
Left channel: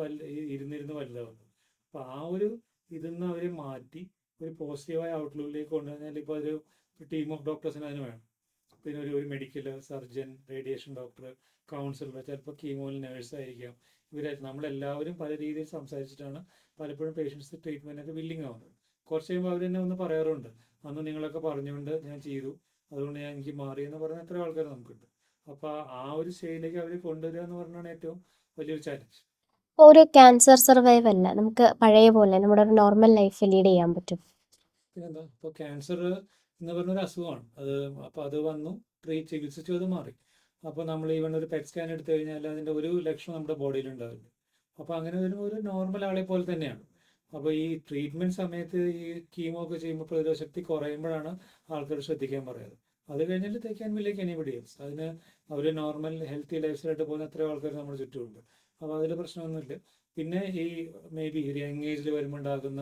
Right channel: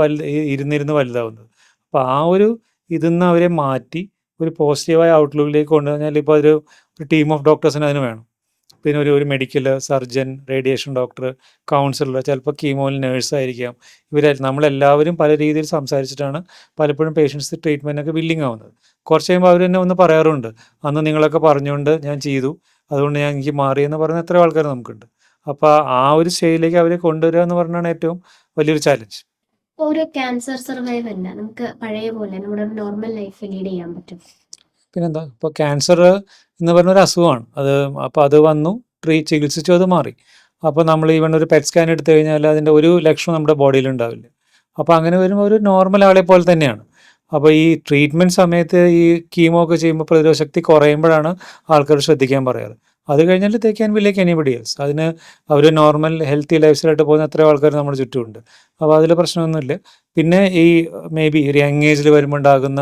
ഇരുന്നിരുന്ന് വലുതാവുന്നത്. അപ്പോൾ ആ ഒരു ഇതിൽ നിന്ന് അവരെ മാറ്റി ഒരു പോസിറ്റീവായ ഔട്ട്ലുക്കിലേക്ക് കൊണ്ടുവന്നാൽ ഇപ്പോൾ ഒരു ടീം ഓഫ് ഡോക്ടേഴ്സിന് അതിന് വേണം. പിന്നെ ഒരു medical surgeon, radiation doctor, councillor, ചിലപ്പോൾ കീമോയിൽ നേഴ്സായിരിക്കാം. നമ്മളെല്ലാവരും പല രീതിയിൽ സംസാരിച്ചിട്ടാണ് പലപ്പോഴും പേഷ്യൻസ് ട്രീറ്റ്മെൻറ്റൊക്കെ വില്ലിങ് ആവുന്നത്. കുറച്ച് കഴിയുമ്പോൾ അവർ തന്നെ ഒന്ന് പറയാറുണ്ട്, അന്ന് നിങ്ങളൊക്കെ പറഞ്ഞുകൊണ്ട് ഞാൻ ചെയ്തു, അതുകൊണ്ട് എനിക്ക് മാറിയെന്ന് പറയുന്ന എത്രയോ ആൾക്കാർ നമുക്കുണ്ട്. അപ്പോൾ ആ ഒരു സ്റ്റേജിലേക്ക് അവരെ കൊണ്ടുവരിക എന്ന് പറഞ്ഞാണ് ഏറ്റവും വലിയൊരു ചാലഞ്ച്. ഒരു ക്യാൻസർ സർവൈവല്ല നമുക്ക് പഴയ പോലെ നമ്മുടെ ഒരു നോർമൽ ലൈഫ് ലീഡ് ചെയ്യാൻ പറ്റും. പിന്നെന്താ, ഇപ്പോൾ ക്യാൻസർ എന്ന് പറഞ്ഞൊരു അസുഖമാണ് അത്. അപ്പോൾ അത് വന്നു, ചികിത്സിച്ചു, അത് മാറി. അപ്പോൾ നമ്മൾ ഈവൻ ഒരു പെറ്റ് സ്കാൻ എടുത്തു കഴിഞ്ഞാൽ അതിൻ്റെ ഒരു ലക്ഷണം നമ്മുടെ ബോഡിയിൽ ഉണ്ടാവില്ല. അപ്പോൾ അങ്ങനെ വരുമ്പോൾ ഒരു നോർമൽ ആളെ പോലെ തന്നെയാണ്. അപ്പോൾ ഈ ട്രീറ്റ്മെൻറ്റ് സമയത്ത് ഈ കീമോ ഒക്കെ ചെയ്യുമ്പോൾ പ്രതിരോധ ശക്തി കുറയുമ്പോഴാണ് ആൾക്കാർ ശ്രദ്ധിക്കാൻ പറയാറ്. അത് കഴിഞ്ഞാൽ they can be like anybody else. അതിന് അവർ നോർമൽ ഹെൽത്തി ലൈഫ് സ്റ്റൈലായിട്ട് പോകുന്ന എത്രയോ ആൾക്കാർ നമ്മുടെ ചുറ്റുമുണ്ട്. അപ്പോൾ അതിൽ പ്രശ്നമൊന്നുമില്ല. പിന്നെ ഈ മേ ബി ഒരു യങ് ഏജിൽ വരുമ്പോൾ ഉണ്ടാകുന്ന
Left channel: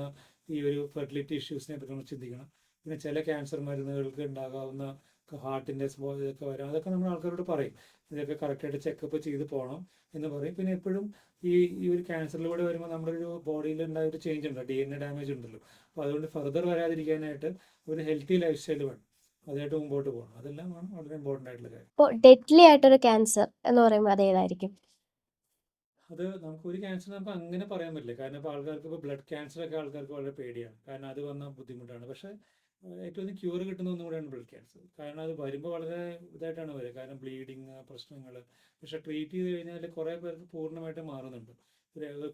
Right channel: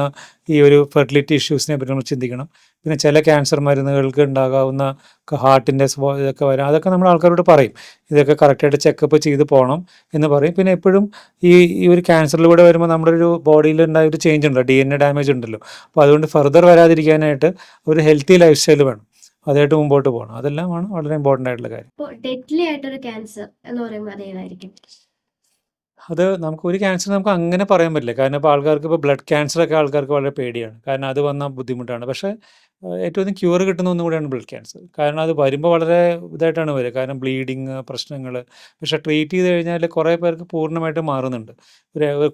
ഈ ഒരു ഫെർട്ടിലിറ്റി ഇഷ്യൂസിനെ പറ്റി നമ്മൾ ചിന്തിക്കണം. പിന്നെ ചില ക്യാൻസർ മരുന്നുകൾക്ക് ഉണ്ടാകാവുന്ന ഹാർട്ടിൻ്റെ ഇതൊക്കെ വരാം. അതൊക്കെ നമ്മൾ ആൾക്കാരോട് പറയും, ഇതൊക്കെ കറക്റ്റായിട്ട് ചെക്കപ്പ് ചെയ്ത് പോകണം എന്ന് പറയും. പിന്നെ എപ്പോഴും ഈ ഈ ഒരു ക്യാൻസറിലൂടെ വരുമ്പോൾ നമ്മുടെ ഒരു ബോഡിയിൽ ഉണ്ടായ ഒരു ചേഞ്ച് ഉണ്ടല്ലോ, DNA ഡാമേജ് ഉണ്ടല്ലോ. അപ്പോൾ അതുകൊണ്ട് ഫർദർ വരാതിരിക്കാനായിട്ട് ഒരു ഹെൽത്തി ലൈഫ് സ്റ്റൈൽ വേണം, അതായിട്ട് മുമ്പോട്ട് പോകണം. അതെല്ലാമാണ് വളരെ ഇമ്പോർട്ടൻ്റ് ആയിട്ടുള്ള കാര്യം. ഇപ്പോൾ ഡെഡ്ലി ആയിട്ടൊരു ക്യാൻസർ എന്ന് പറയുമ്പോൾ അത് ഏതായിരിക്കും? അത് നമുക്ക് ഒരു ക്യാൻസർ നമുക്ക് അങ്ങനെ പറയാൻ പറ്റില്ല. കാരണം ഇപ്പോൾ ആൾക്കാർക്ക് ഇപ്പോൾ ബ്ലഡ് ക്യാൻസറൊക്കെ ആൾക്കാർക്ക് വളരെ പേടിയാണ്. കാരണം അത് വന്നാൽ ബുദ്ധിമുട്ടാണ്. പക്ഷേ ഏറ്റവും അധികം ക്യൂർ കിട്ടുന്ന ഒന്നും കൂടിയാണ് ബ്ലഡ് ക്യാൻസർ. കാരണം അത് വരുമ്പോൾ വളരെ ഇതായിട്ടാണ് വരിക. കാരണം ബ്ലീഡിങ് പ്രശ്നങ്ങൾ. പക്ഷേ ട്രീറ്റ് ചെയ്ത് കഴിഞ്ഞാൽ കുറേ പേർക്ക് പൂർണ്ണമായിട്ട് മാറുന്നുണ്ട്.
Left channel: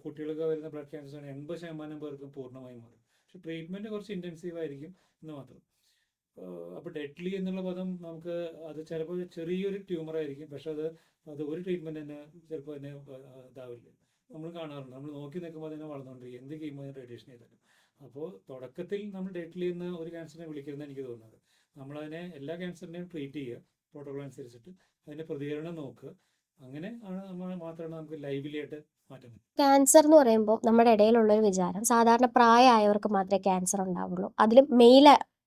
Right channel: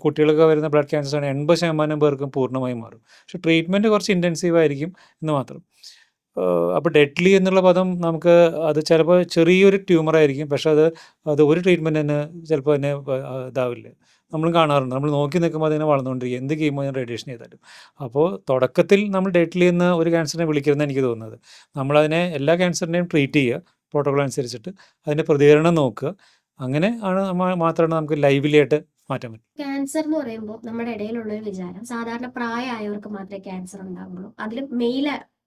കുട്ടികൾക്ക് വരുന്ന ബ്ലഡ് ക്യാൻസറാണ് 80% പേർക്കും പൂർണ്ണമായും മാറും. പക്ഷേ ട്രീറ്റ്മെൻറ്റ് കുറച്ച് ഇൻറ്റൻസീവ് ആയിരിക്കും എന്ന് മാത്രം. അപ്പോൾ ഡെഡ്ലി എന്നുള്ള പദം നമുക്ക്, അത് ചിലപ്പോൾ ചെറിയൊരു ട്യൂമറായിരിക്കും, പക്ഷേ അത് ഒരു ട്രീറ്റ്മെൻറ്റ് തന്നെ ചിലപ്പോൾ തന്നെ ഇതാവില്ല. നമ്മളും കാണാറുണ്ട്. നമ്മൾ നോക്കി നിൽക്കുമ്പോൾ അതിങ്ങനെ വളർന്നുകൊണ്ടിരിക്കും, എന്ത് കീമോ റേഡിയേഷൻ ചെയ്താലും. അപ്പോൾ തുടക്കത്തിൽ നമ്മൾ ഡെഡ്ലി എന്ന് ഒരു ക്യാൻസറിനെ വിളിക്കരുതെന്ന് എനിക്ക് തോന്നുന്നത്. നമ്മളതിനെ എല്ലാ ക്യാൻസറിനെയും ട്രീറ്റ് ചെയ്യുക പ്രോട്ടോകോൾ അനുസരിച്ചിട്ട്, അതിൻ്റെ പ്രതികരണം നോക്കുക. അങ്ങനെ ആണ് മാത്രമാണ് നമുക്ക് ലൈവ്ലി ആയിട്ട് മാറ്റാൻ പറ്റും. ക്യാൻസർ എന്ന് പറയുമ്പോൾ നമ്മുടെ ഇടയിലുള്ള ഒരു വിചാരം സാധാരണ പ്രായമായവർക്ക് മാത്രമേ ക്യാൻസർ ഉണ്ടാവുള്ളൂ, അതിലും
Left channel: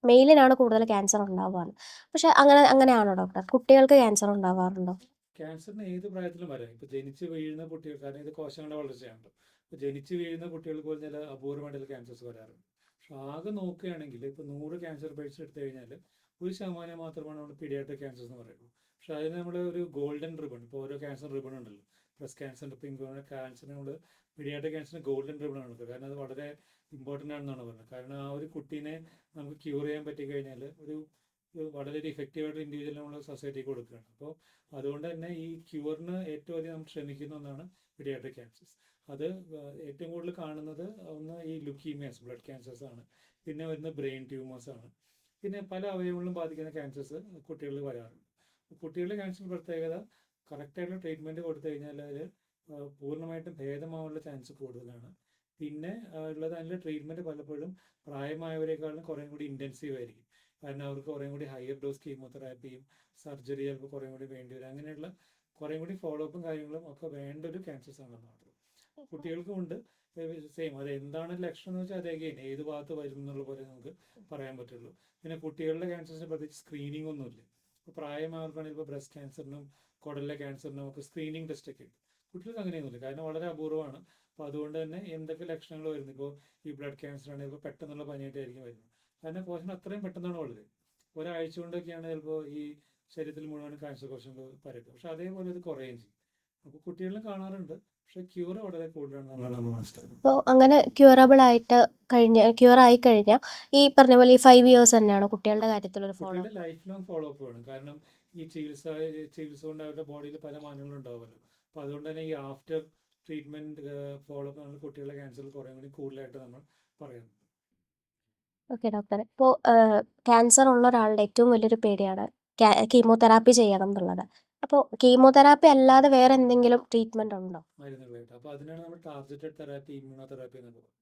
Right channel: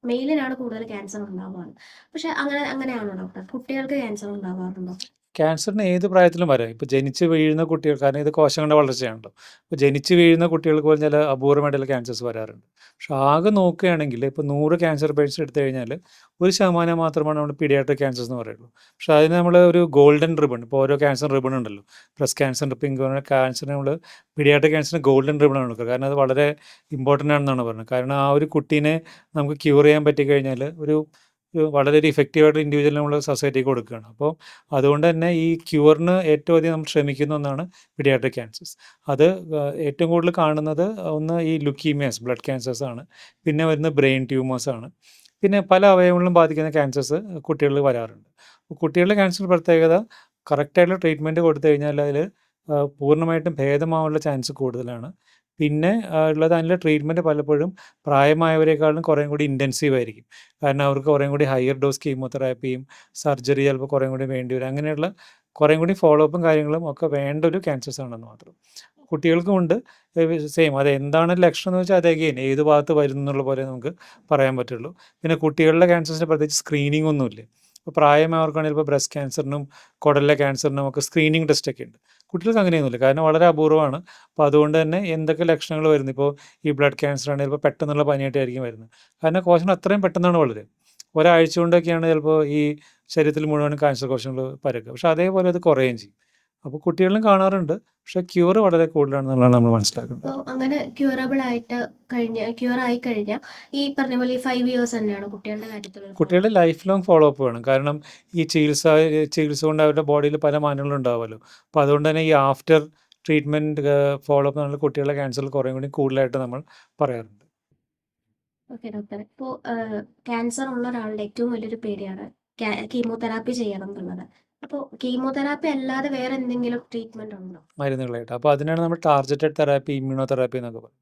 മെയിലിനാണ് കൂടുതൽ ക്യാൻസർ ഉണ്ടാവുകയാണ്. പക്ഷെ അങ്ങനെയാണോ ഡോക്ടർ? കുട്ടികൾക്ക് ക്യാൻസർ ഉണ്ടാവാറുണ്ടോ? ക്യാൻസറിന് ഏത് പ്രായത്തിലും വരാം. ഇപ്പോൾ ജനിച്ച് വീഴുന്ന കുട്ടികൾ, കാരണം ഇത് കോശങ്ങളുടെ വളർച്ചയാണല്ലോ. ഇപ്പോൾ ജനിച്ച് വീഴുന്ന കുട്ടികൾക്ക് പോലും ചില അപൂർവമായിട്ടുള്ള ക്യാൻസേഴ്സ് വരാറുണ്ട്. പക്ഷെ ആകെ നോക്കുകയാണെങ്കിൽ ഇപ്പോൾ 100 ക്യാൻസർ പേഷ്യൻസ് എടുത്തു കഴിഞ്ഞാൽ 1% മാത്രമാണ് നമ്മൾ പീഡിയാട്രിക് ക്യാൻസേഴ്സ് എന്ന് പറയുള്ളൂ. പക്ഷേ അതിന് നമ്മൾ ഒരു ഗോൾഡൻ റിബൺ, ഇപ്പോൾ ഓരോ ക്യാൻസർ റിബൺ ഉണ്ടല്ലോ, ബ്രസ്റ്റ് ക്യാൻസർ, പിങ്ക് ക്യാൻസറിന് നമ്മൾ പീഡിയാട്രിക് ക്യാൻസറിന് ഗോൾഡൻ റിബൺ ആണ് കൊടുക്കുക. കാരണം അത് വളരെ ഇമ്പോർട്ടൻ്റ് ആണെന്നാണ് പറയുന്നത്. കാരണം ആ ഒരു കുട്ടീനെ നമുക്ക് ക്യൂർ ചെയ്യാൻ പറ്റിക്കഴിഞ്ഞാൽ വളരെ ഒരു ഇഫക്റ്റീവായിട്ട് ഇൻഡിവിജ്വൽ നമ്മൾ സൊസൈറ്റിക്ക് കൊടുക്കുകയാണ്. അപ്പോൾ അതുകൊണ്ട് തന്നെ ഈ ക്യൂറിന് ഏറ്റവും അധികം നമ്മൾ ശ്രമിക്കുന്ന ഒന്നാണ് പീഡിയാട്രിക് ക്യാൻസേഴ്സ്. അത് ഏറ്റവും കൂടുതൽ കാണുന്നത് ഒന്ന് ഈ ലുക്കീമിയാസ്, ബ്ലഡ് ക്യാൻസേഴ്സ് ആണ്. പിന്നെ വരുന്ന ബ്രെയിൻ ട്യൂമേഴ്സ് ആണ്. പിന്നെ പല അവയവങ്ങളിലും ബാധിക്കുന്ന ക്യാൻസേഴ്സ് കുട്ടികളിൽ വരാറുണ്ട്. കുട്ടികളുടെ ക്യാൻസർ പ്രത്യേകത, കറക്റ്റായിട്ടുള്ള ട്രീറ്റ്മെൻറ്റ് കൊടുത്തു കഴിഞ്ഞാൽ അതിൽ പൂർണ്ണമായിട്ടും ഭേദമാവാനുള്ള ചാൻസ് കൂടുതലാണ്. പിന്നെ ഉള്ളത് അതിൻ്റെ ട്രീറ്റ്മെൻറ്റ് പലപ്പോഴും പ്രായമായവരെക്കാളും കുറേയും കൂടി ഇൻറ്റൻസീവ് ആയിരിക്കും. കാരണം അവർക്ക് കുറേയും കൂടി ഹയർ ഡോസ് കീമോതെറാപ്പിയും സർജറി ചിലപ്പോൾ കുറേയും കൂടി വേണ്ടി വരും. അങ്ങനെയുള്ള കുറേയും കൂടി ഫോളോ അപ്പും കാര്യങ്ങളും ഒക്കെ വേണ്ട ഒരു ക്യാൻസേഴ്സ് ആണെന്ന് മാത്രം. കുട്ടികൾക്കും ഉണ്ട്. സെയിം അത് എന്താണ് ലക്ഷണം എന്ന് വെച്ചാൽ അത് അഗെയിൻ ഏത് ഭാഗത്ത് വരുന്നു എന്നുള്ള പോലെ നമുക്ക് പറയാൻ പറ്റുള്ളൂ. പിന്നെ കുട്ടികളുടെ ക്യാൻസേഴ്സിന് പ്രത്യേകിച്ച് സ്ക്രീനിങ് ഒന്നുമില്ല. ഇപ്പോൾ പ്രായമായവർക്കാണെങ്കിൽ ഇപ്പോൾ ബ്രസ്റ്റ് ക്യാൻസറിനും കുടലിലെ ക്യാൻസറിനും ഒക്കെ സ്ക്രീനിങ് ടെസ്റ്റൊക്കെ ഉണ്ട്. കുട്ടികൾക്ക് അങ്ങനെയൊന്നുമില്ല, കാരണം വളരെ അപൂർവമാണ്. അപ്പോൾ അതുകൊണ്ട് തന്നെ എന്തൊക്കെ ലക്ഷണങ്ങൾ വരുന്നു, ഇപ്പോൾ ഈ ബ്ലഡ് ക്യാൻസർ ആണെങ്കിൽ ചിലപ്പോൾ പെട്ടെന്നുള്ള പനിയായിട്ടായിരിക്കും വരുന്നത്. കാരണം കോശങ്ങൾ അത്രയും പെട്ടെന്നാണ് വളരുക. ഒരാഴ്ച കൊണ്ടൊക്കെയാണ് ചിലപ്പോൾ ഈ ശരീരത്തിൽ മുഴുവൻ ക്യാൻസർ കോശങ്ങൾ പരക്കുക. പക്ഷേ അതേപോലെ അത് കുറയുകയും ചെയ്യും. അപ്പോൾ കുട്ടികളിലും കാണാറുണ്ട്. പക്ഷേ ക്യൂർ വളരെ കൂടുതലാണെന്നുള്ളതാണ് നമ്മൾ മനസ്സിലാക്കുന്നത്. അപ്പോൾ അങ്ങനെ ക്യൂർ ആയി കഴിഞ്ഞാൽ ഈ പറഞ്ഞ പോലെ ഈ 5 ഇയേഴ്സ് തന്നെയാണ് കുട്ടികളുടെ കാര്യത്തിലൊരു ഫോളോ കുട്ടികളുടെ ലൈഫ് ലോങ് ഫോളോ അപ്പ് വേണം. കാരണം ഈ ചികിത്സ കൊണ്ട് അവരുടെ ബോഡിയിൽ പല മാറ്റങ്ങളും ഉണ്ടാവുമല്ലോ. അപ്പോൾ അതുകൊണ്ട് തന്നെ ഈ ആഫ്റ്റർ ട്രീറ്റ്മെൻറ്റ് ഫോളോ അപ്പ് നമ്മൾ കുട്ടികളുടെ ക്യാൻസറിൽ കുറേ കൂടി കൂടുതലായിട്ട് നമ്മൾ പറയാറുണ്ട്. Okay doctor. ഇപ്പോൾ ക്യാൻസർ ഉള്ള ഒരാളുടെ ഏറ്റവും വലിയൊരു പേടിയാണ് കീമോതെറാപ്പി ചെയ്യണം എന്നുള്ളത്. അപ്പോൾ കീമോതെറാപ്പി അല്ലാതെ വേറെ എന്തെങ്കിലും ട്രീറ്റ്മെന്റ് ഉണ്ടോ? മരുന്നുകളായിട്ട്. അപ്പോൾ അതിനാണ് നമ്മൾ ടാർഗറ്റഡ് തെറാപ്പി, ഇമ്മ്യൂണോ തെറാപ്പി എന്നൊക്കെ പറയും.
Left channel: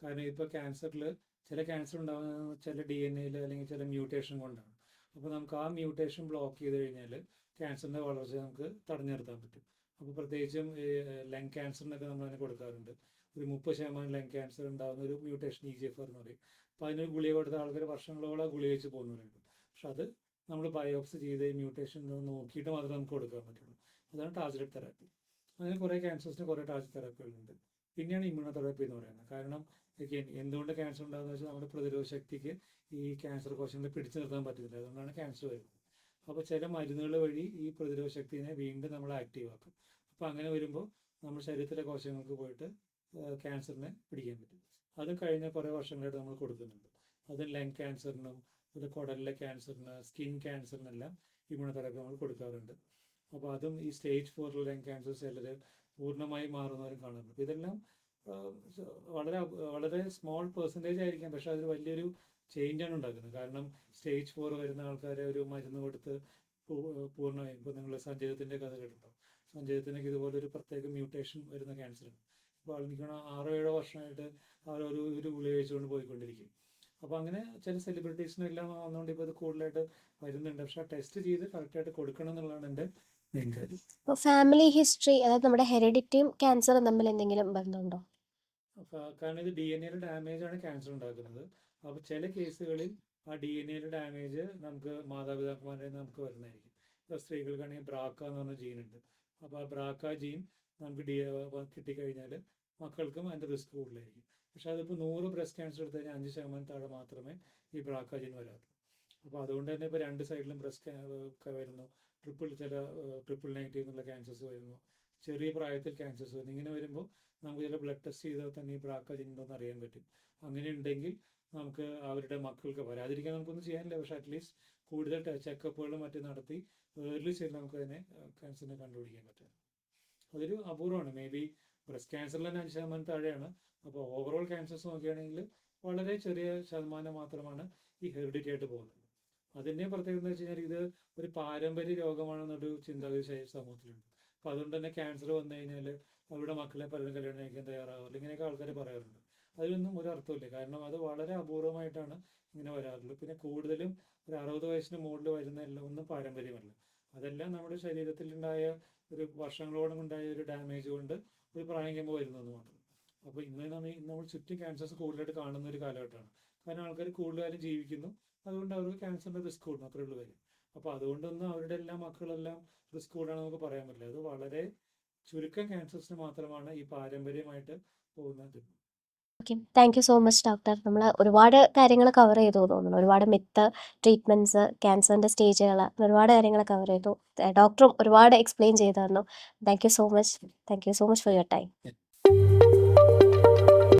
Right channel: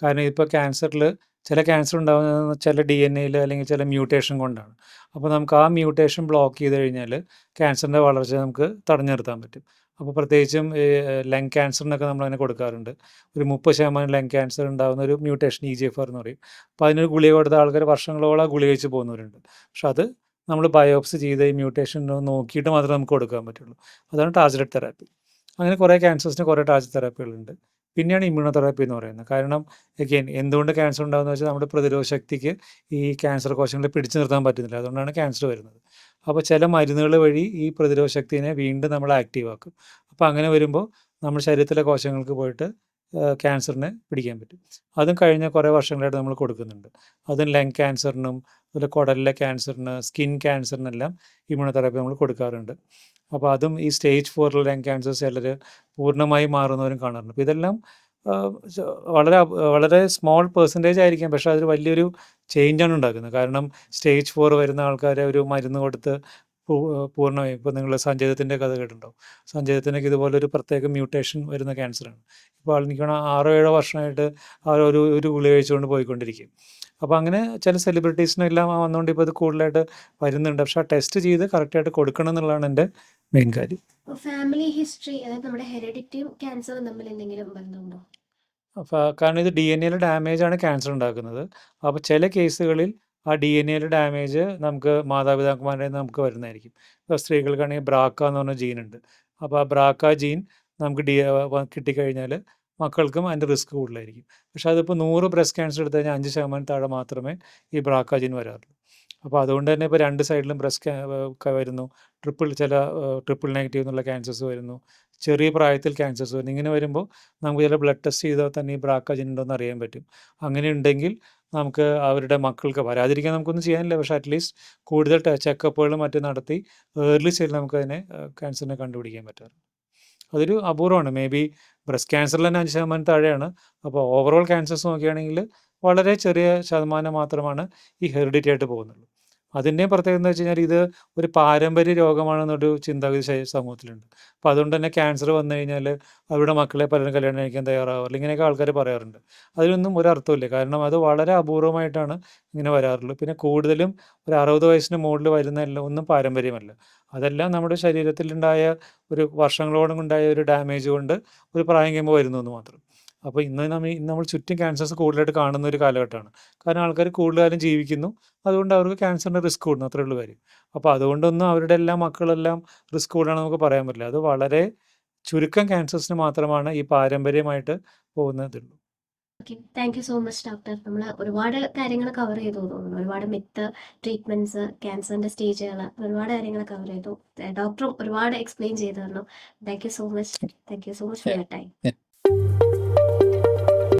കാരണം ഇപ്പോൾ ക്യാൻസറിൽ ചില ക്യാൻസർ ഉണ്ടാകുന്നത് ചില DNA അല്ലെങ്കിൽ ചില മ്യൂട്ടേഷൻ കൊണ്ടാണ്. അപ്പോൾ നമുക്ക് ആ മ്യൂട്ടേഷൻ ബ്ലോക്ക് ചെയ്ത് കഴിഞ്ഞാൽ ക്യാൻസറിൻ്റെ വളർച്ച നമുക്ക് തടഞ്ഞു നിർത്താൻ പറ്റും. അപ്പോൾ പ്രത്യേകിച്ചും ലങ് ക്യാൻസറിനൊക്കെ നമ്മളതിനെ കൊടുക്കാറുണ്ട്. ഒരു 30% ലങ് ക്യാൻസർ ഉണ്ടാകുന്ന ഒരു മ്യൂട്ടേഷൻ EGFR എന്ന് പറയും. അപ്പോൾ അതിനൊരു ഗുളിക കൊടുത്ത ആൾക്കാർ വർഷങ്ങളോളം ആ ഗുളിക കഴിച്ച് പോകുന്നവരുണ്ട്. പക്ഷെ അത് നമ്മൾ ബയോപ്സി ചെയ്ത് ഈ മ്യൂട്ടേഷൻ നോക്കിയിട്ട് മാത്രമേ നമുക്ക് കൊടുക്കാൻ പറ്റുള്ളൂ. അതാണ് ടാർഗറ്റഡ് തെറാപ്പി. അങ്ങനെ കുറേ ക്യാൻസേഴ്സിന് കുറേ ടാർഗറ്റഡ് തെറാപ്പികളുണ്ട്. പിന്നെയാണ് ഇമ്മ്യൂണോ തെറാപ്പി എന്ന് പറയുന്നത്. കാരണം എഗെയിൻ എന്തുകൊണ്ട് ക്യാൻസർ ഉണ്ടാകുന്നത് വെച്ചാൽ നമ്മുടെ പ്രതിരോധ ശക്തിക്ക് ഈ ക്യാൻസർ കോശങ്ങളെ പിടിച്ചു നിർത്താൻ പറ്റുന്നില്ല. അതുകൊണ്ടാണ് ക്യാൻസർ വരുന്നത്. അപ്പോൾ ചില മരുന്നുകൾ വഴി ഈ പ്രതിരോധ ശക്തിനെ വീണ്ടും നമ്മൾ ആക്റ്റീവ് ആക്കും. അപ്പോൾ അങ്ങനെ വരുമ്പോൾ നമ്മുടെ ശരീരത്തിലെ കോശങ്ങൾക്ക് പോയിട്ട് ക്യാൻസറിനെ പിടിക്കാൻ പറ്റും. അതും കഴിഞ്ഞ കുറേ വർഷങ്ങളായിട്ട് നമ്മൾ കൊടുക്കുന്നുണ്ട്. അതും ലങ് ക്യാൻസറിനും അതുപോലെ കുടലിലെ ക്യാൻസറിന്, സ്കിൻ ക്യാൻസറിനെല്ലാം ഇമ്മ്യൂണോ തെറാപ്പി നമ്മൾ കൊടുക്കാറുണ്ട്. അപ്പോൾ അതും ഈ സ്റ്റേജ് 4 ലങ് ക്യാൻസർ ചിലർ പൂർണ്ണമായി മാറുന്നവരും കാണാറുണ്ട്. അപ്പോൾ ഇതെല്ലാം വളരെ സ്മോൾ പെർസെൻറ്റേജ് ആയിരിക്കാം, പക്ഷേ അതൊരു വലിയൊരു ചേഞ്ചാണ് ഉണ്ടാക്കുന്നത്. കാരണം സ്റ്റേജ് 4 വരുന്ന ആൾക്കാരെ ഒരു മരുന്ന് കൊടുത്ത് പൂർണ്ണമായും, ഇപ്പോൾ നിങ്ങൾ സഞ്ജയത്തിൻ്റെ കഥ കേട്ടിട്ടുണ്ടാവും. സഞ്ജയത്തിനൊക്കെ ഇതുപോലൊരു പ്രത്യേക മ്യൂട്ടേഷൻ വരുന്ന ക്യാൻസറാണ്. ഇപ്പോൾ എനിക്ക് തോന്നുന്നു 6-7 വർഷമായിട്ട് ആ ഒരു ഗുളിക കഴിച്ചുകൊണ്ട് പോയിക്കൊണ്ടിരിക്കും. അപ്പോൾ അങ്ങനെ ചില സെലിബ്രിറ്റീസിനെല്ലാം വന്നുകൊണ്ട് ഇപ്പോൾ ഇത് കൂടുതലായിട്ട് വരുന്നുണ്ട്. പക്ഷേ ആ ടെസ്റ്റ് ചെയ്ത് കറക്റ്റായിട്ട് കൊടുക്കണം എന്നുള്ളതാണ് എൻ്റെ മെയിൻ കാര്യം. ഇപ്പോൾ ഫാമിലി ഹിസ്റ്ററി, അതായത് നമ്മുടെ ഹെറിഡിറ്റിയും ക്യാൻസറും തമ്മിൽ എന്തെങ്കിലും ബന്ധമുണ്ടോ? അപ്പോൾ കാരണം ഇത് DNA ഡാമേജാണ് ക്യാൻസർ ഉണ്ടാക്കുന്നത്. അപ്പോൾ ചില കേസുകളിൽ ആ DNA ഡാമേജ് നമുക്ക് മാതാപിതാക്കന്മാരുടെ നിന്ന് നമുക്ക് വരുന്നതായിരിക്കും. ഇപ്പോൾ സ്ത്രീകൾക്കാണെങ്കിൽ ബ്രാക്ക എന്ന് പറഞ്ഞ ജീനുണ്ട്. അപ്പോൾ ആ ബ്രാക്ക ജീൻ നമുക്ക് കിട്ടിക്കഴിഞ്ഞാൽ മക്കൾക്കും അതിൻ്റെ റിസ്ക് കൂടുതലായിരിക്കും. പക്ഷേ അതിപ്പോൾ 100 ബ്രസ്റ്റ് ക്യാൻസർ എടുത്തു കഴിഞ്ഞാൽ 5% താഴെ മാത്രമേ ഈ ബ്രാക്ക ജീൻ വരാറുള്ളൂ. അപ്പോൾ അതുകൊണ്ട് തന്നെ ഇപ്പോൾ 2 സൈഡിലും വരുന്നു. ട്രിപ്പിൾ നെഗറ്റീവ് എന്നുള്ള ക്യാൻസേഴ്സ് വരുന്നു. ചെറിയ പ്രായത്തിൽ ക്യാൻസേഴ്സ് വരുന്നു. ഇങ്ങനെ വരുമ്പോൾ നമുക്ക് ചില ബ്ലഡ് ടെസ്റ്റ് ചെയ്താൽ തന്നെ ഈ ബ്രാക്ക ജീൻ ഉണ്ടോ എന്ന് അറിയാൻ പറ്റും. അങ്ങനെ ഉണ്ടെങ്കിൽ നമുക്ക് അവരുടെ മക്കൾക്ക് വരാതിരിക്കാൻ നമുക്കൊന്നും ചെയ്യാനില്ല. പക്ഷേ അറ്റ്ലീസ്റ്റ് കൂടുതൽ ചെക്കപ്പുകളും മറ്റും നടത്തി ഏർലി സ്റ്റേജിൽ നമുക്കതിനെ ക്യാൻസറിനെ കണ്ടുപിടിക്കാൻ പറ്റാറുണ്ട്. അതൊരു അപൂർവമാണ്. മേ ബി ബ്രസ്റ്റ് ക്യാൻസറിൽ തന്നെ 5% താഴെയാണ്. അപ്പോൾ ഓവറോൾ ക്യാൻസേഴ്സ് നോക്കുകയാണെങ്കിൽ വളരെ ചെറിയ ശതമാനം മാത്രമാണ് ഈ ഹെറിഡിറ്റി ആയിട്ട് പോകുന്നുള്ളൂ. അതിൻ്റെയും പ്രത്യേകത എന്ന് വെച്ച് കഴിഞ്ഞാൽ ഇത് ഒരു പാരമ്പര്യ രോഗമാണെന്നൊരു ചിന്താഗതി സമൂഹത്തിലുണ്ട്. അപ്പോൾ അതുകൊണ്ട് തന്നെ ക്യാൻസർ വന്നു കഴിഞ്ഞാൽ അവരുടെ മക്കളെ പലരും കല്യാണം കഴിക്കാൻ തയ്യാറാവാറില്ല. ഇങ്ങനെയൊക്കെ ആൾക്കാർ പറയാറുണ്ട്. അതിനൊന്നും ഒരർത്ഥമില്ല. കാരണം അത് വളരെ അപൂർവമായിട്ടാണ് ഇങ്ങനെ വരാറുള്ളൂ. പിന്നെ കൂടുതലും ഒരു 60 വയസ്സിന് മുകളിൽ വരുന്നതെല്ലാം ഒന്നും പാരമ്പര്യമല്ല. അതെല്ലാം നമ്മുടെ ശരീരത്തിലുണ്ടായ ഒരു വർഷങ്ങളോളം ഉണ്ടായ ഒരു ഡാമേജ് കൊണ്ട് ഒരു പ്രായം കഴിയുമ്പോൾ വരുന്നു എന്ന് മാത്രം. അപ്പോൾ ഇന്ന് നമ്മൾ ചുറ്റും ക്യാൻസേഴ്സ് കൂടുതലായിട്ട് കാണുന്ന ഒരു കാലഘട്ടമാണ്. കാരണം ആൾക്കാർ കൂടുതൽ കാലം ജീവിക്കുന്നു. അതുകൊണ്ട് അവർക്ക് ക്യാൻസറിൻ്റെ റിസ്ക് കൂടുന്നു, അത്രേ ഉള്ളൂ കാര്യം. അപ്പോൾ അതുകൊണ്ടൊന്നും അവരുടെ എല്ലാം മക്കളെല്ലാം റിസ്ക് കൂടുതലാണെന്ന് നമുക്ക് പറയാൻ പറ്റില്ല. അത് വളരെ ചുരുക്കം ക്യാൻസേഴ്സിന് മാത്രമാണ് ഈ പാരമ്പര്യമായിട്ട് പോകുന്നതുള്ളൂ. Okay, thank you so much doctor. നമ്മൾ ഒരുപാട് കാര്യങ്ങൾ കവർ ചെയ്തു തോന്നുന്നു. ഒരുപാട് മിത്ത്, ട്രീറ്റ്മെൻറ്റ്സ്, ക്യാൻസറിൻ്റെ സ്റ്റേജുകൾ, ഒരുപാട് കാര്യങ്ങൾ കവർ ചെയ്തു. ഡോക്ടറും ഒരുപാട് എക്സ്പ്ലെയിൻ ചെയ്തു തന്നു. Thank you so much. Thank you so much for your time.